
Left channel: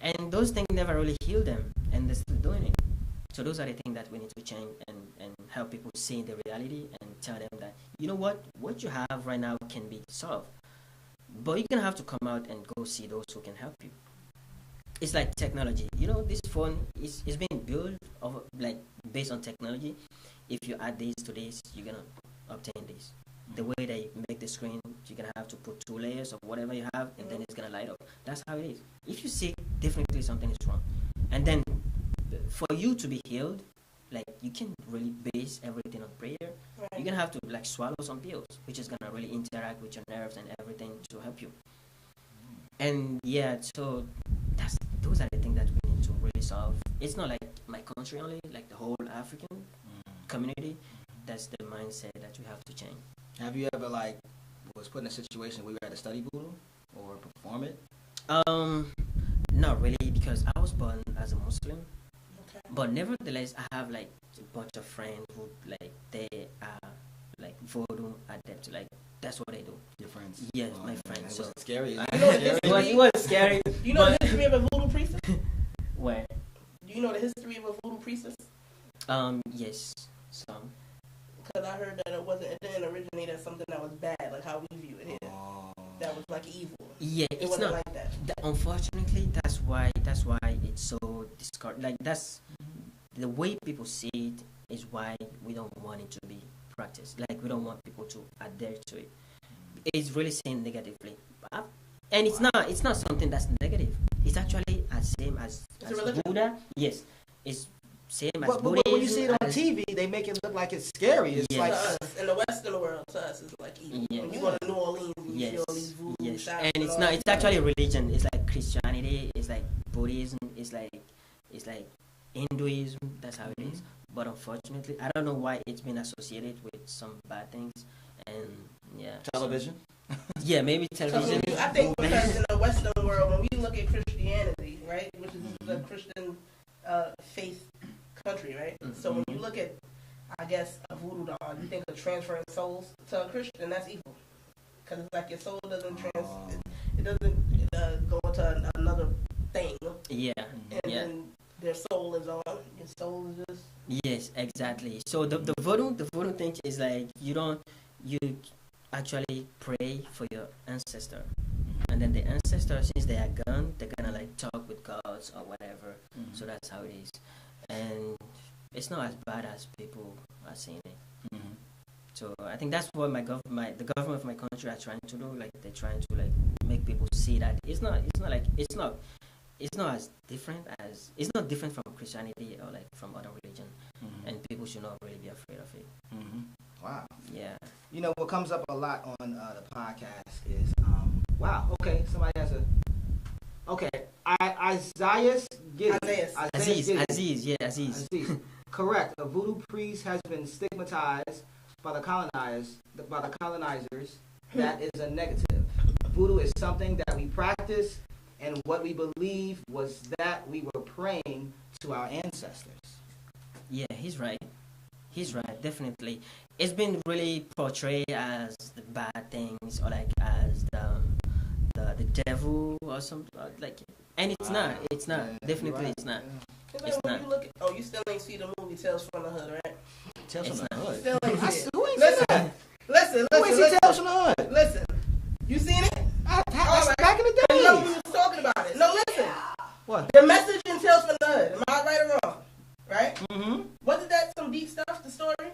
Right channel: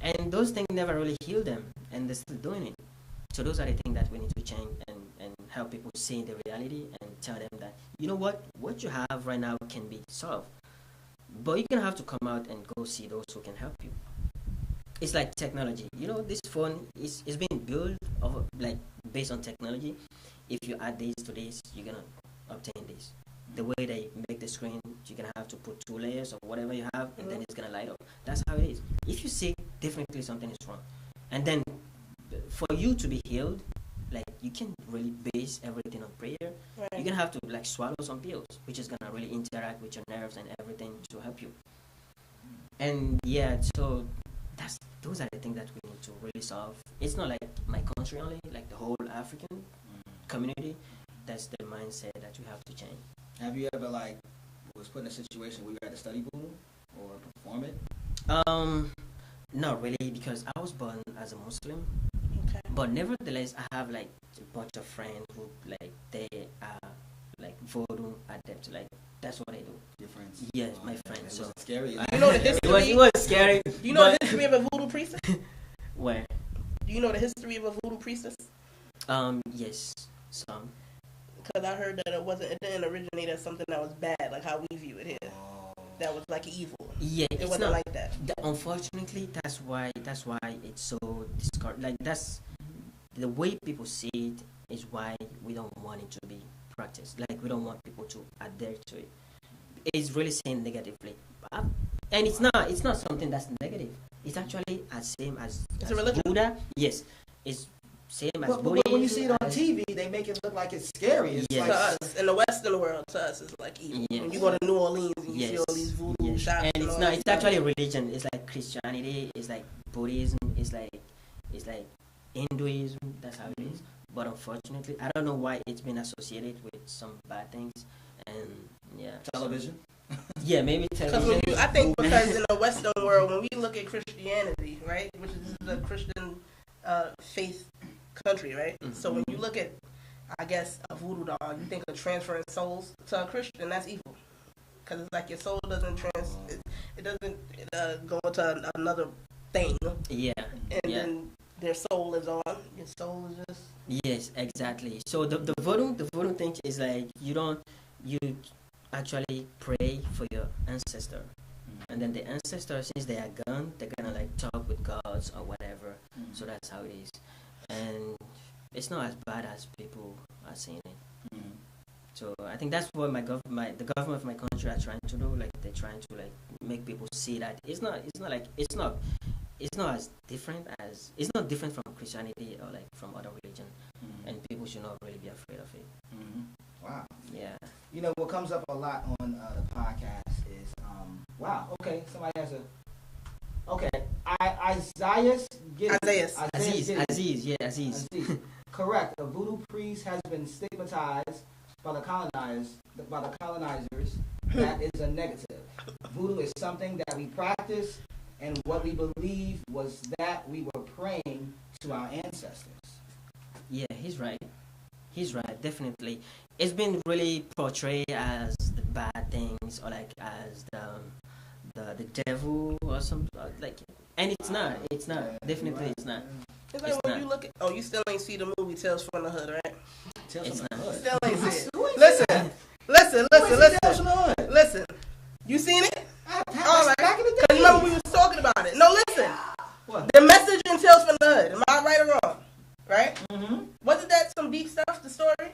And those things never really heal them, and they're still doing it. So those are the things that we need to change, and help people see the reality and tell them that, you know what you have right now can be solved, but you're gonna have to come out and go see those who can help you. It's like technology. You know, this phone is being built of like based on technology. If you add this to this, you're gonna obtain this. The way they make the screen, you're gonna have to put 2 layers of whatever you have, and then it's gonna light up. That's how it is. If you see, definitely something is wrong. And then for you to be healed, like you can really base everything on prayer. Right. You're gonna have to like swallow some pills, which is gonna really interact with your nerves and everything to help you. And yeah, so those are the things that we need to really solve. It's not like my country only, like the whole African community. That's the mindset that you have to change. Have you ever like was put in a situation where you had to study voodoo or perform it? Not really, because I was born as a Muslim. Okay. But nevertheless, I have like a bunch of friends who like they are like voodoo adept. Like that's what they do. Your friends? Yes, my friends. So scary. It was scary. Do you know the history of a voodoo priestess? Where? Do you know the history of a voodoo priestess? Yes, some. Because I heard that it didn't originate as something that was bad, like how we view it here. That was like evil. Yeah, it wasn't like that. Unfortunately, that's why it's so discarded. Like that's the way people see it is why we don't want it to be practiced. Like we don't want people to adhere to it. It's really seen negatively, and it's not something that's negative. It's actually as same as Buddha. Yes, it's same as Buddha. But when you see it on TV, they make it look like it's scary. It's yes. To us, in the Western world, to us, it's like evil. Yes. When you go to New Orleans, you see all these voodoo shops. And it's not. It's actually a religion. It's like Christianity. It's like Buddhism. It's like Hinduism. That's how it is. But unfortunately, I don't know why it's been associated with some bad things. And yeah, television. Yeah, maybe Because television. I think because in the Western world, when we look at Christianity, right, which is a Christian faith country, right? Mm-hmm. So when you look at, I guess, a voodoo doll, you think of transferring souls to a Christian, that's evil. Because it's like your soul doesn't it doesn't go into another thing. Yeah. And Yeah. then their soul is on. Your soul is just. Yes, exactly. So the voodoo thing is like you actually pray for your ancestor, and then the ancestor, since they are gone, they're gonna like talk with gods or whatever. So that's how it is, and it's not as bad as people are saying it. So I think that's what the government of my country are trying to do. Like they're trying to like make people see that it's not as different as it's not different from Christianity or like from other religion, and people should not really be afraid of it. Wow. Yeah. You know what comes up a lot on the podcast is wow. Okay, somebody has a. Okay, Isaiah Aziz. Aziz. Correct. A voodoo priest has been stigmatized by the colonizers. That is a negative. Voodoo is something that we practice, and what we believe was that we were praying to our ancestors. Yeah, he's right. Definitely. It's been really portrayed as the bad things or like as the devil or something like, and it's not. Definitely, it's not. It's when not. you look at, you still ain't see the movie Tales from the Hood, right? It's not. You still ain't see it. Listen. Listen. You seen it? All right. Back in the day. You know we was talking about it. No, listen. What? The message in Tales from the Hood. Am I right or wrong? Right? Mm-hmm. Wasn't that some deep stuff? The story.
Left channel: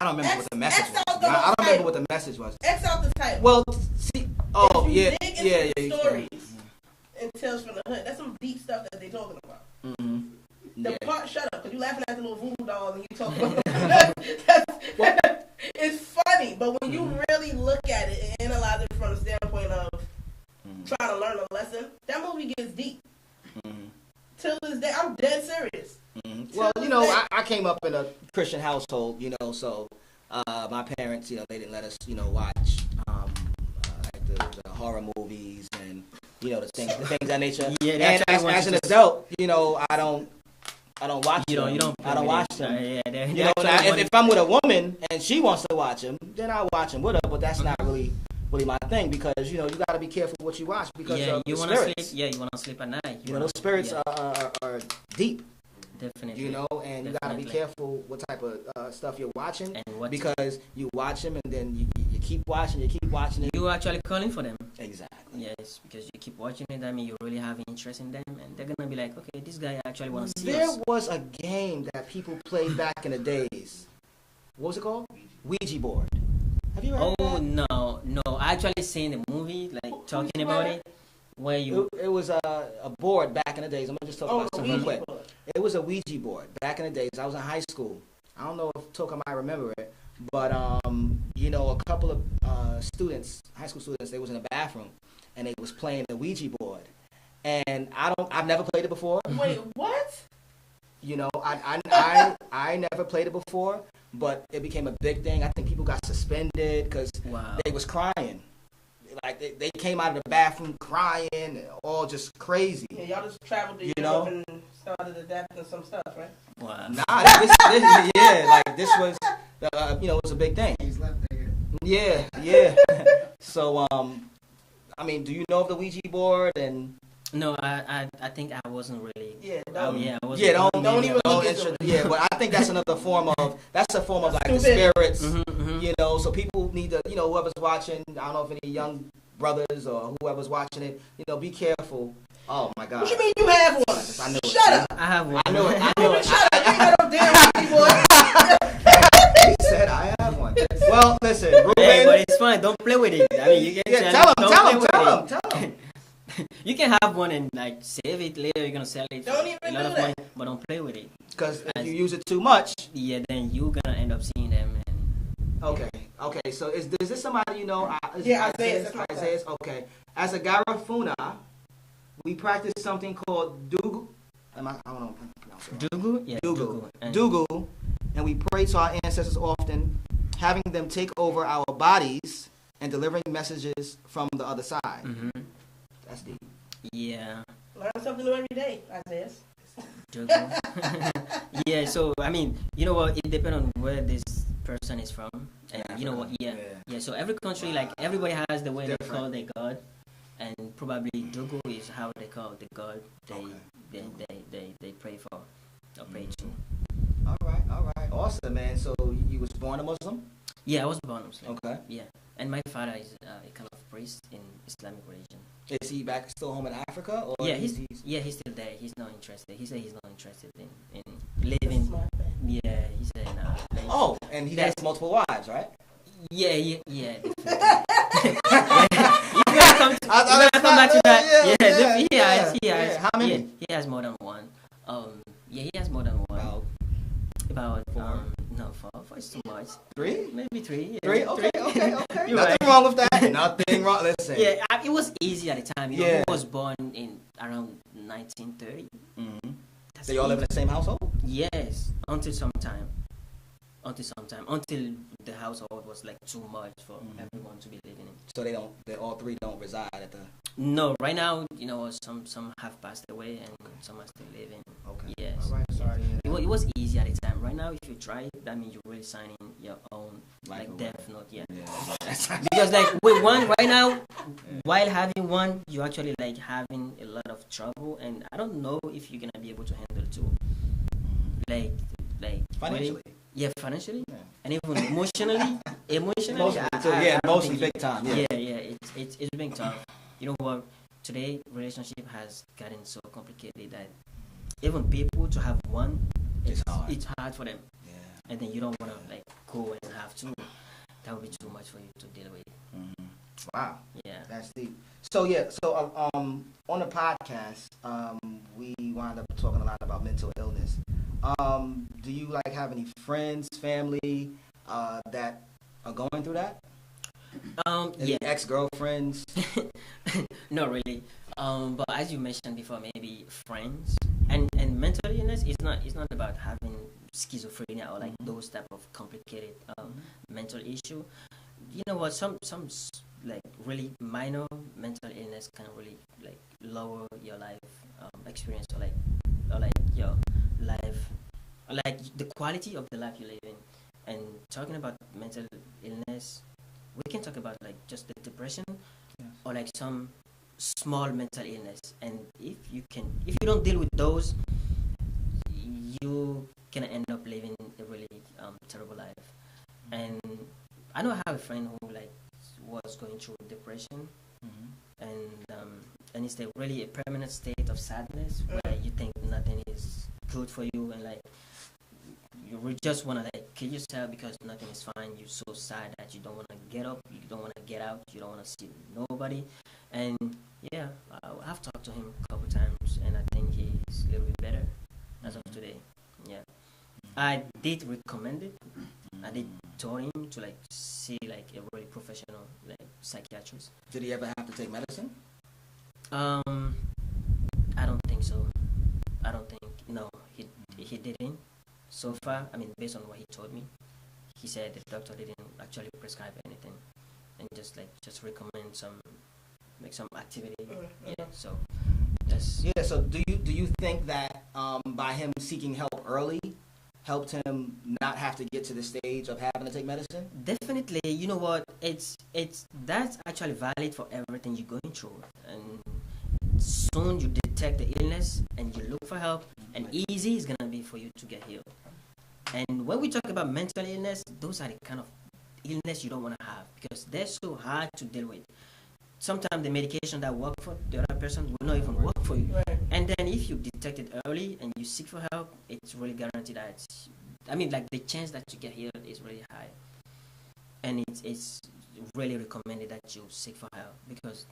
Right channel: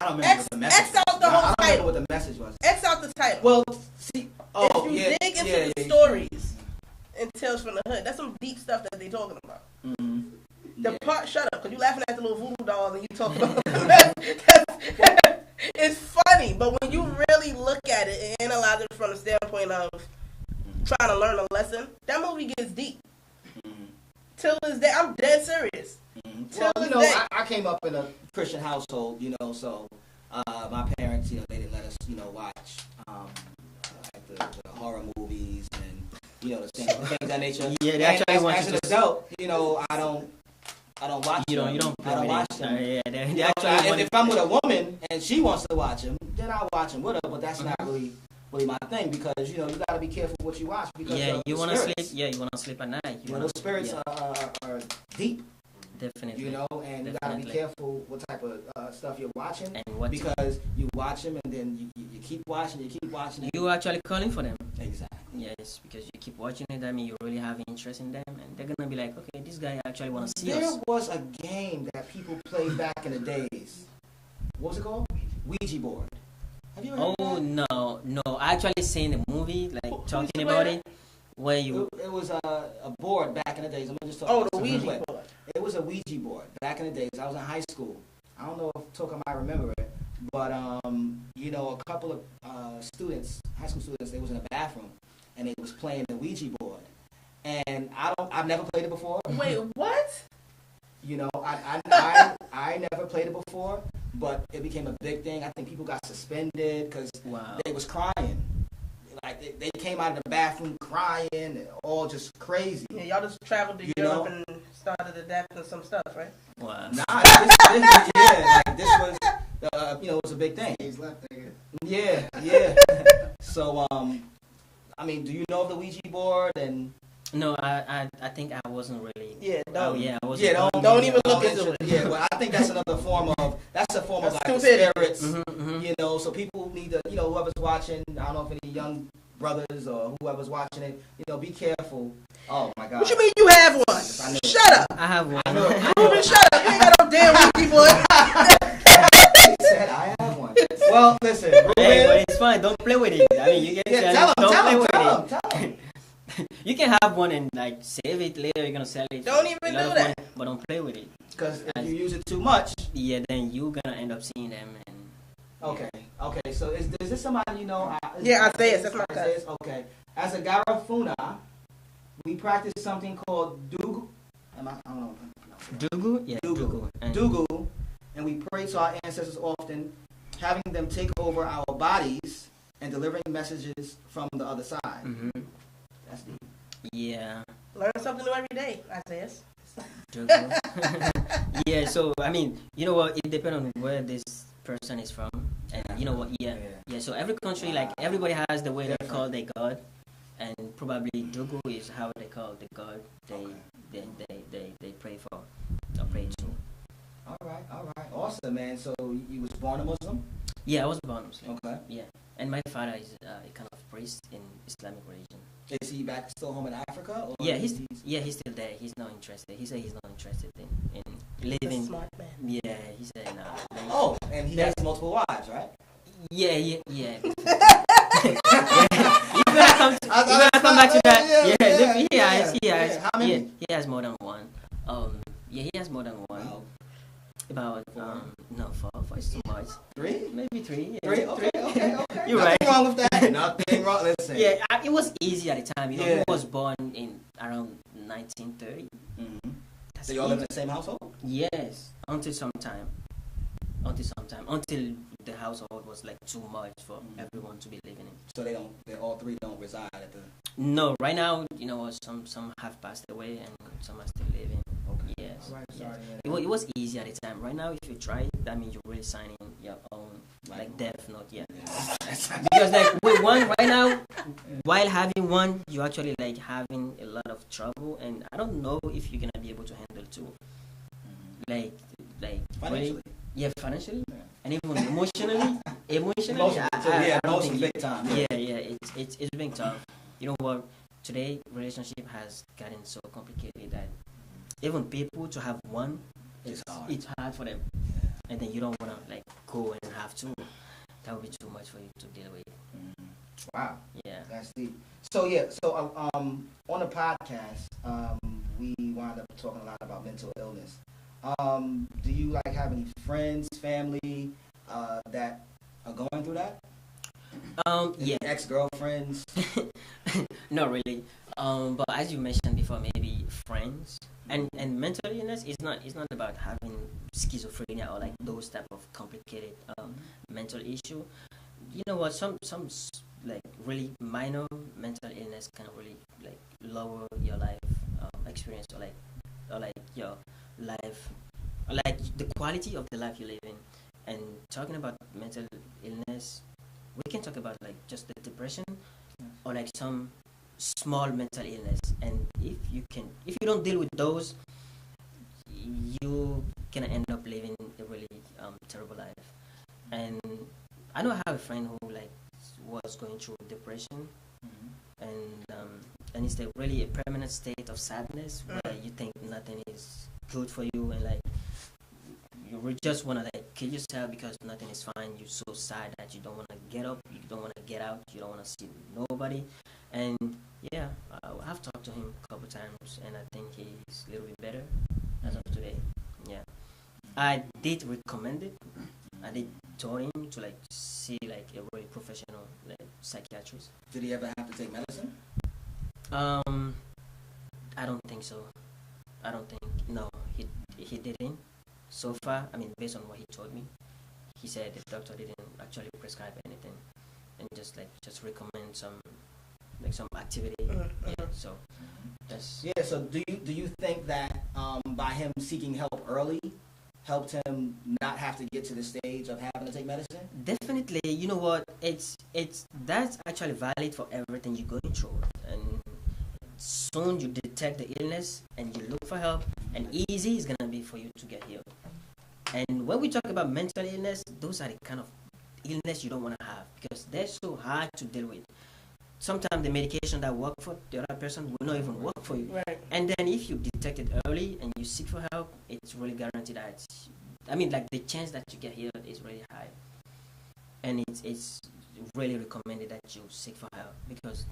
I don't remember what the message. X out the I whole don't title. remember what the message was. X out the title. Well, see. If you dig into the stories in Tales from the Hood, that's some deep stuff that they talking about. The part, shut up, because you laughing at the little voodoo doll and you talking about it's funny, but when you really look at it and analyze it from the standpoint of trying to learn a lesson, that movie gets deep. Till this day, I'm dead serious. Well, I came up in a Christian household, so my parents, they didn't let us, watch like the horror movies and, the things of that nature. Yeah, they actually want as you an to... adult, I don't watch them. You don't I don't watch them. If I'm with a woman and she wants to watch them, then I'll watch them with her. But that's not really my thing, because you got to be careful what you watch, because you want to sleep. Yeah, you want to sleep at night. Those spirits are deep. Definitely. And you got to be careful what type of stuff you're watching, because you watch them and then you keep watching it. You're actually calling for them. Exactly. Yes, because you keep watching it, I mean, you really have interest in them, and they're gonna be like, okay, this guy actually wants to see us. There was a game that people played back in the days. What was it called? Ouija board. Have you heard of that? No. I actually seen the movie, like talking about it, where you. It was a board back in the days. I'm gonna just talk about it real quick. It was a Ouija board back in the days. I was in high school. I don't know if Toka might remember it, but a couple of students, high school students, they was in a bathroom and they was playing the Ouija board. And I've never played it before. Wait, what? I never played it before, but it became a big thing. I think people got suspended because they was crying. Like they came out of the bathroom crying and all just crazy. Yeah, y'all just traveled to Europe and started adapting some stuff, right? Wow. Nah, this was it was a big thing. He's left there. Yeah. So do you know of the Ouija board? And no, I think I wasn't really. Yeah. I wasn't. Yeah, don't even look into it. Yeah, but I think that's another form of like the spirits. So people need to, whoever's watching, I don't know if any young brothers or whoever's watching it, be careful. Oh my God. What you mean you have one? Shut up. I have one. I know. Shut up. You ain't got no damn people. He said I have one. Well, listen. Hey, but it's fine. Don't play with it. I mean, you can tell him. You can have one and like save it later. You're gonna sell it. Don't even do that. Money, but don't play with it. Because if you use it too much. Yeah, then you're gonna end up seeing them. Okay. So is this somebody you know? Isaiah. That's my Isaiah. Okay. As a Garifuna, we practice something called Dugu. I don't know. Dugu? Yeah. Dugu. And we pray to our ancestors often, having them take over our bodies and delivering messages from the other side. Mm-hmm. That's deep. Yeah. Learn something new every day, I says. Yeah, so I mean, you know what? It depends on where this person is from, and you know what? Yeah. So every country, like everybody has the way they call their god, and probably Dogo is how they call the god they pray for or pray to. All right, awesome, man. So you was born a Muslim? Yeah, I was born Muslim. Okay. Yeah, and my father is a kind of priest in Islamic religion. Is he back still home in Africa? Or Yeah, he's still there. He's not interested. He said he's not interested in living. Yeah, he said nah. And he has multiple wives, right? Yeah. You're gonna come back to that. He has. How many? He has more than one. He has more than one. Oh. About no, four is too much. Three? Maybe three. Yeah. Three? Okay. You're Nothing right. wrong with that. Nothing wrong. Listen. Yeah, it was easy at the time. You know, Yeah. he was born in around 1930. Mm-hmm. So you all live in the same household? Yes, until the household was like too much for everyone to be living in. So they all three don't reside at the... No, right now, you know, some have passed away and some are still living. Okay. Yes. All right. Yeah. Sorry. It was easy at the time. Right now, if you try it, that means you're really signing your own like death note. Yeah. Because like with one right now, while having one, you're actually like having a lot of trouble, and I don't know if you're gonna be able to handle two. Like Financially. Financially, Yeah. and even emotionally. I don't think big time. it's been tough. You know what? Today, relationship has gotten so complicated that even people to have one, it's hard for them. Yeah. And then you don't want to like go and have two. That would be too much for you to deal with. Mm-hmm. Wow. Yeah. That's deep. So on the podcast, we wound up talking a lot about mental illness. Do you like have any friends, family, that are going through that? Yeah. Ex-girlfriends? Not really. But as you mentioned before, maybe friends. And mental illness is not about having schizophrenia or like those type of complicated mental issue. You know what? Some like really minor mental illness can really like lower your life experience or like your life, or like the quality of the life you live in. And talking about mental illness, we can talk about like just the depression or like some small mental illness. And if you don't deal with those, you can end up living a really terrible life. And I know I have a friend who like was going through depression, and it's really a permanent state of sadness where you think nothing is good for you, and like you just want to like kill yourself because nothing is fine. You're so sad that you don't want to get up, you don't want to get out, you don't want to see nobody. And yeah, I've talked to him a couple times, and I think he's a little bit better as of today. Yeah, I did recommend it. I did tell him to like see like a really professional like psychiatrist. Did he ever have to take medicine? I don't think so. No, he didn't. So far, I mean, based on what he told me, he said the doctor didn't actually prescribe anything, and just recommend some activity. Yeah. So just So do you think that by him seeking help early helped him not have to get to the stage of having to take medicine? Definitely. You know what? It's that's actually valid for everything you're going through, and soon you detect the illness and you look for help, and easy is gonna be for you to get healed. And when we talk about mental illness, those are the kind of illness you don't want to have because they're so hard to deal with. Sometimes the medication that work for the other person will not even work for you. Right. And then if you detect it early and you seek for help, it's really guaranteed that the chance that you get healed is really high. And it's really recommended that you seek for help because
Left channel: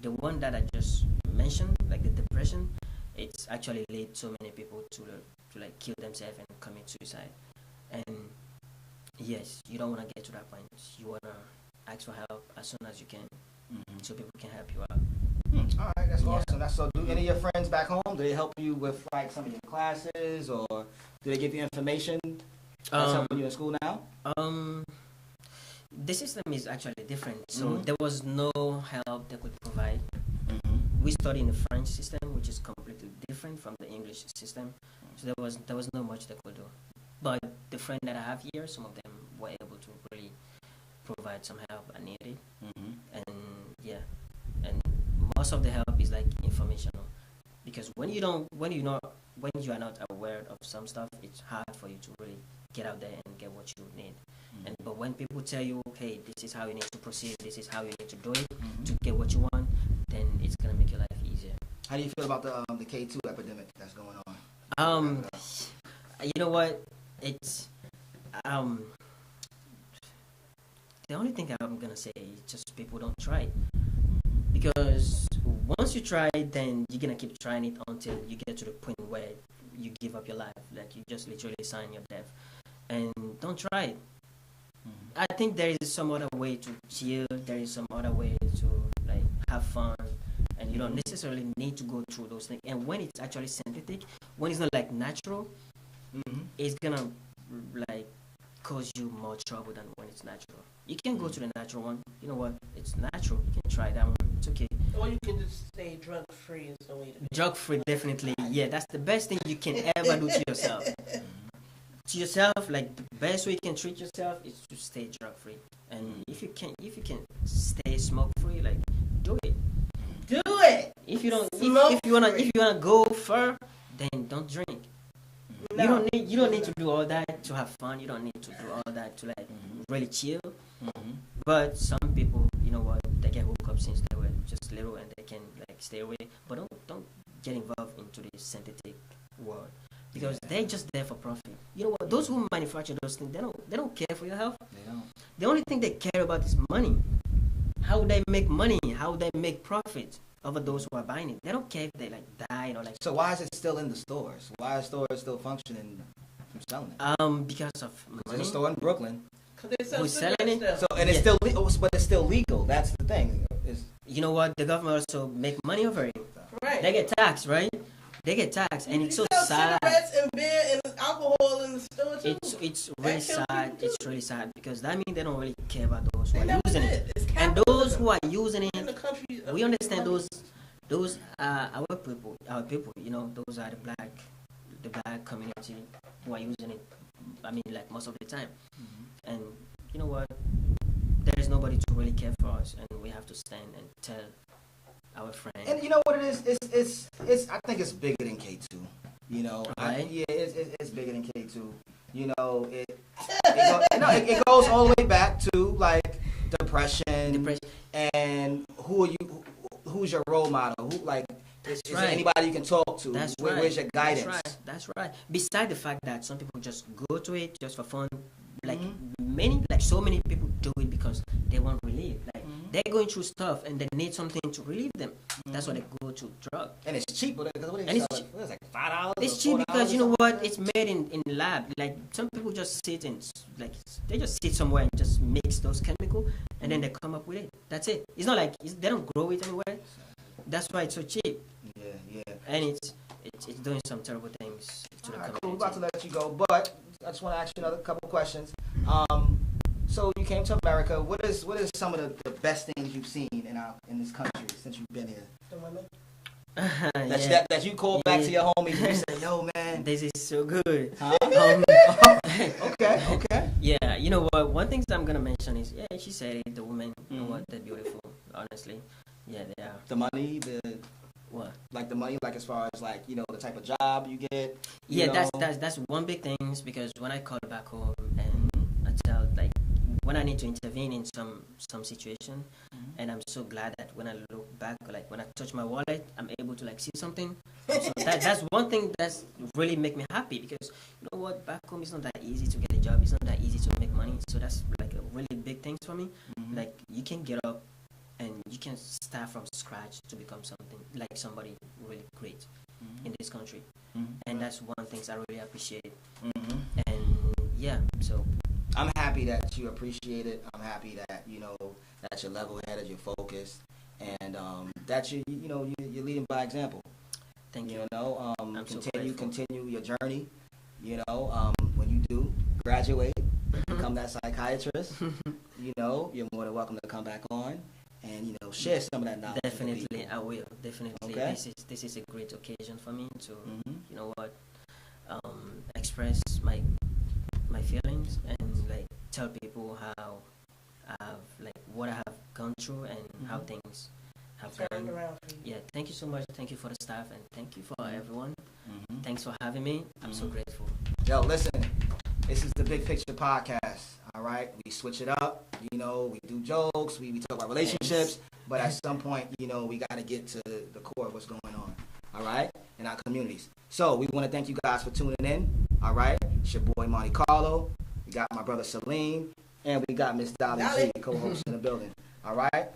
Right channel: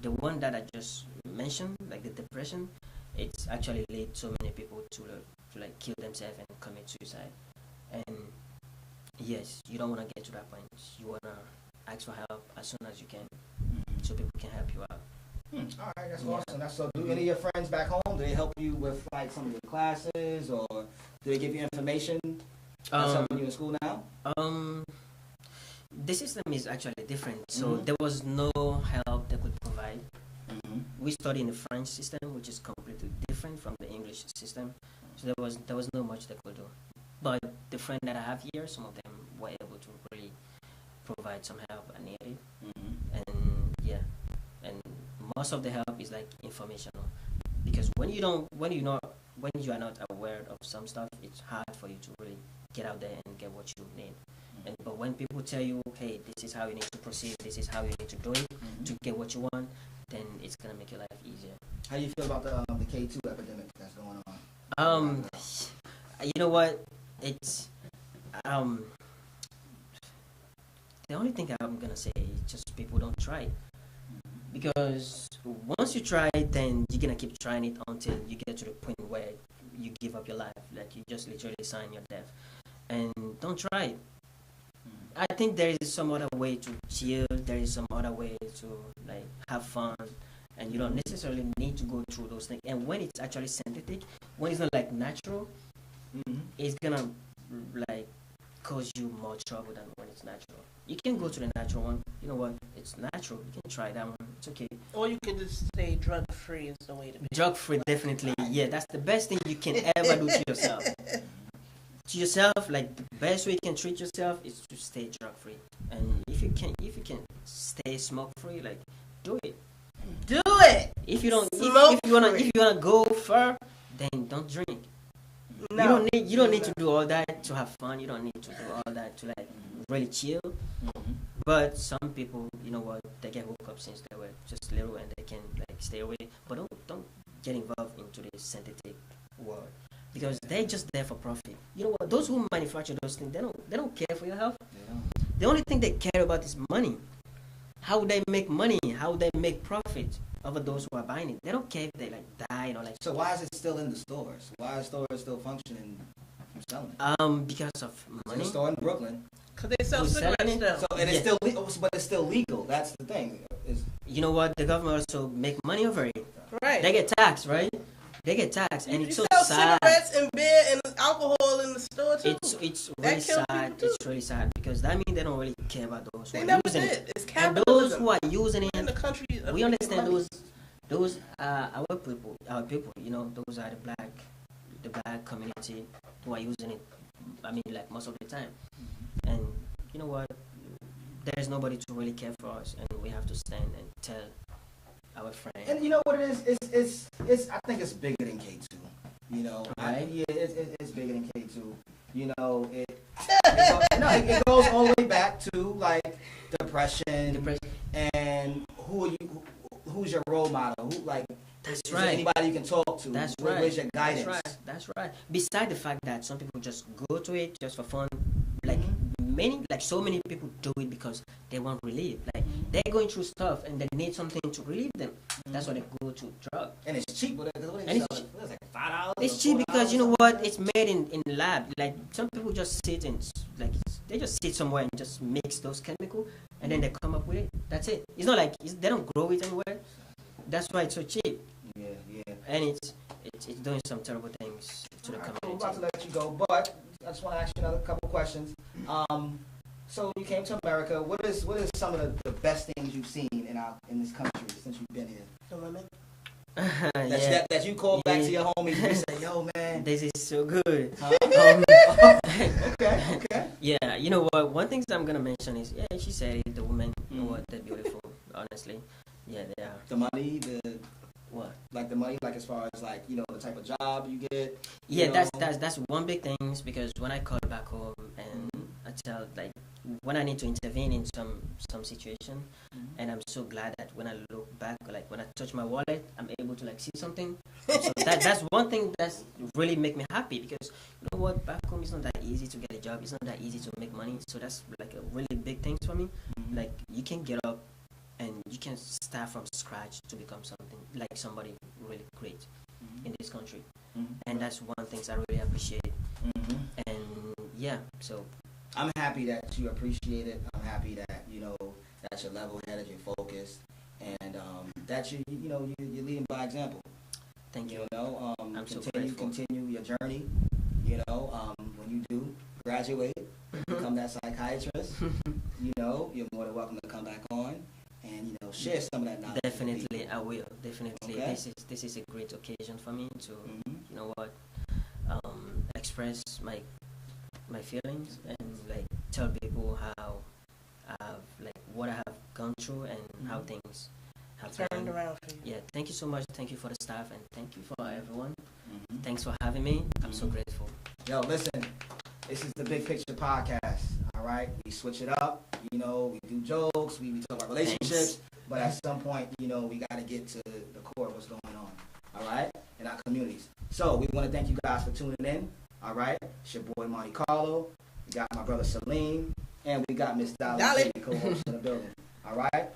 the one that I just mentioned, like the depression, it's actually led so many people to like kill themselves and commit suicide. And yes, you don't want to get to that point. You want to ask for help as soon as you can, so people can help you out. All right, that's awesome. So do any of your friends back home, do they help you with like some of your classes, or do they give you information? That's helping you in school now? the system is actually different. So there was no help they could provide. We studied in the French system, which is completely different from the English system. So there was no much they could do. But the friend that I have here, some of them were able to really provide some help I needed. And yeah, and most of the help is like informational, because when you are not aware of some stuff, it's hard for you to really get out there and get what you need. But when people tell you, okay, this is how you need to proceed, this is how you need to do it to get what you want, then it's gonna make your life easier. How do you feel about the K2 epidemic that's going on? You know what? It's the only thing I'm gonna say is just people don't try it, because once you try it, then you're gonna keep trying it until you get to the point where you give up your life, like you just literally sign your death. And don't try it. I think there is some other way to chill. There is some other way to like have fun, and you don't necessarily need to go through those things. And when it's actually synthetic, when it's not like natural, it's gonna like cause you more trouble than when it's natural. You can go to the natural one. You know what? It's natural. You can try that one. It's okay. Or you can just stay drug free is the way to be. Drug free, definitely. Yeah, that's the best thing you can ever do to yourself. To yourself, like the best way you can treat yourself is to stay drug free. And if you can stay smoke free, like do it. Do it. If you don't, if you wanna go far, then don't drink. No. You don't need to do all that to have fun. You don't need to do all that to like really chill. But some people, you know what, they get hooked up since they were just little and they can like stay away. But don't get involved into this synthetic world, because they're just there for profit. You know what? Those who manufacture those things, they don't care for your health. The only thing they care about is money. How they make money, how they make profit over those who are buying it. They don't care if they like die or like. So why is it still in the stores? Why are stores still functioning from selling it? Because of money. There's a store in Brooklyn. Because they sell Who's cigarettes selling it? still. So and it's still legal, but it's still legal. That's the thing. You know what? The government also make money over it. Right. They get taxed, right? They get taxed, and it's so sell sad. cigarettes and beer and alcohol in the store too. It's really sad. It's really sad, because that means they don't really care about those who They are never using did. it. It's And those who are using in it, the country. we understand those our people. You know, those are the black community who are using it. I mean, like most of the time. And you know what? There is nobody to really care for us, and we have to stand and tell our friends. And you know what it is? It's I think it's bigger than K2. You know, right? It's bigger than K2. You know, it goes all the way back to like depression. And who's your role model? Who like? That's right. Anybody you can talk to. That's right. Where's your guidance? That's right. Besides the fact that some people just go to it just for fun, like so many people do it because they want relief. Like they're going through stuff and they need something to relieve them. That's why they go to drug. And it's cheap. It's cheap. It's like $5. It's cheap because you know what? It's made in lab. Like some people just sit and like they just sit somewhere and just mix those chemicals and then they come up with it. That's it. It's not like they don't grow it anywhere. That's why it's so cheap. Yeah. And it's doing some terrible things to the community. We're about to let you go, but I just want to ask you another couple questions. So you came to America. What is some of the best things you've seen in this country since you've been here? That you called back to your homies and you said, "Yo, man, this is so good." Huh? Okay. Yeah, you know what? One thing that I'm gonna mention is, she said it. The women, you know what? They're beautiful. Honestly, yeah, they are. The money, what? Like the money, like as far as like the type of job you get. Yeah, that's one big thing, because when I call back home and I tell like when I need to intervene in some situation, and I'm so glad that when I look back, like when I touch my wallet, I'm able to like see something. So that's one thing that's really make me happy, because you know what, back home it's not that easy to get a job. It's not that easy to make money. So that's like a really big thing for me. Like you can get up and you can start from scratch to become something like somebody really great in this country. And that's one thing I really appreciate. And yeah, so I'm happy that you appreciate it. I'm happy that that you're level-headed, you're focused, and that you're leading by example. Thank you. I'm continue your journey. When you do graduate, become that psychiatrist. welcome to come back on and share some of that knowledge. Definitely, I will. Definitely, Okay. This is a great occasion for me to express my feelings and like tell people how what I have gone through and how things have gone. Around for you. Yeah, thank you so much. Thank you for the staff and thank you for everyone. Thanks for having me. I'm so grateful. Yo, listen, this is the Big Picture Podcast. All right, we switch it up. We do jokes. We talk about relationships. But at some point, we got to get to the core of what's going on. All right, in our communities. So we want to thank you guys for tuning in. All right, it's your boy Monte Carlo. We got my brother Salim, and we got Miss Dolly G, co-host in the building. All right,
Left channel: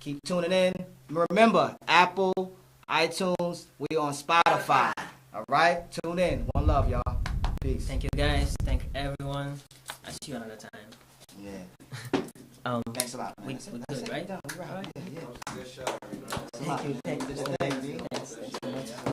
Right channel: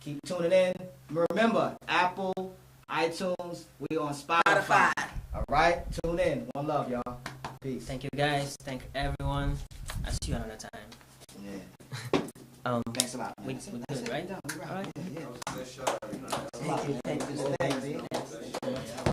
keep tuning in. Remember, Apple, iTunes, we on Spotify. All right, tune in. One love, y'all. Peace. Thank you guys. Thank everyone. I'll see you another time. Yeah. Thanks a lot. We good, right? All All right. Yeah. Thank you. Thank you.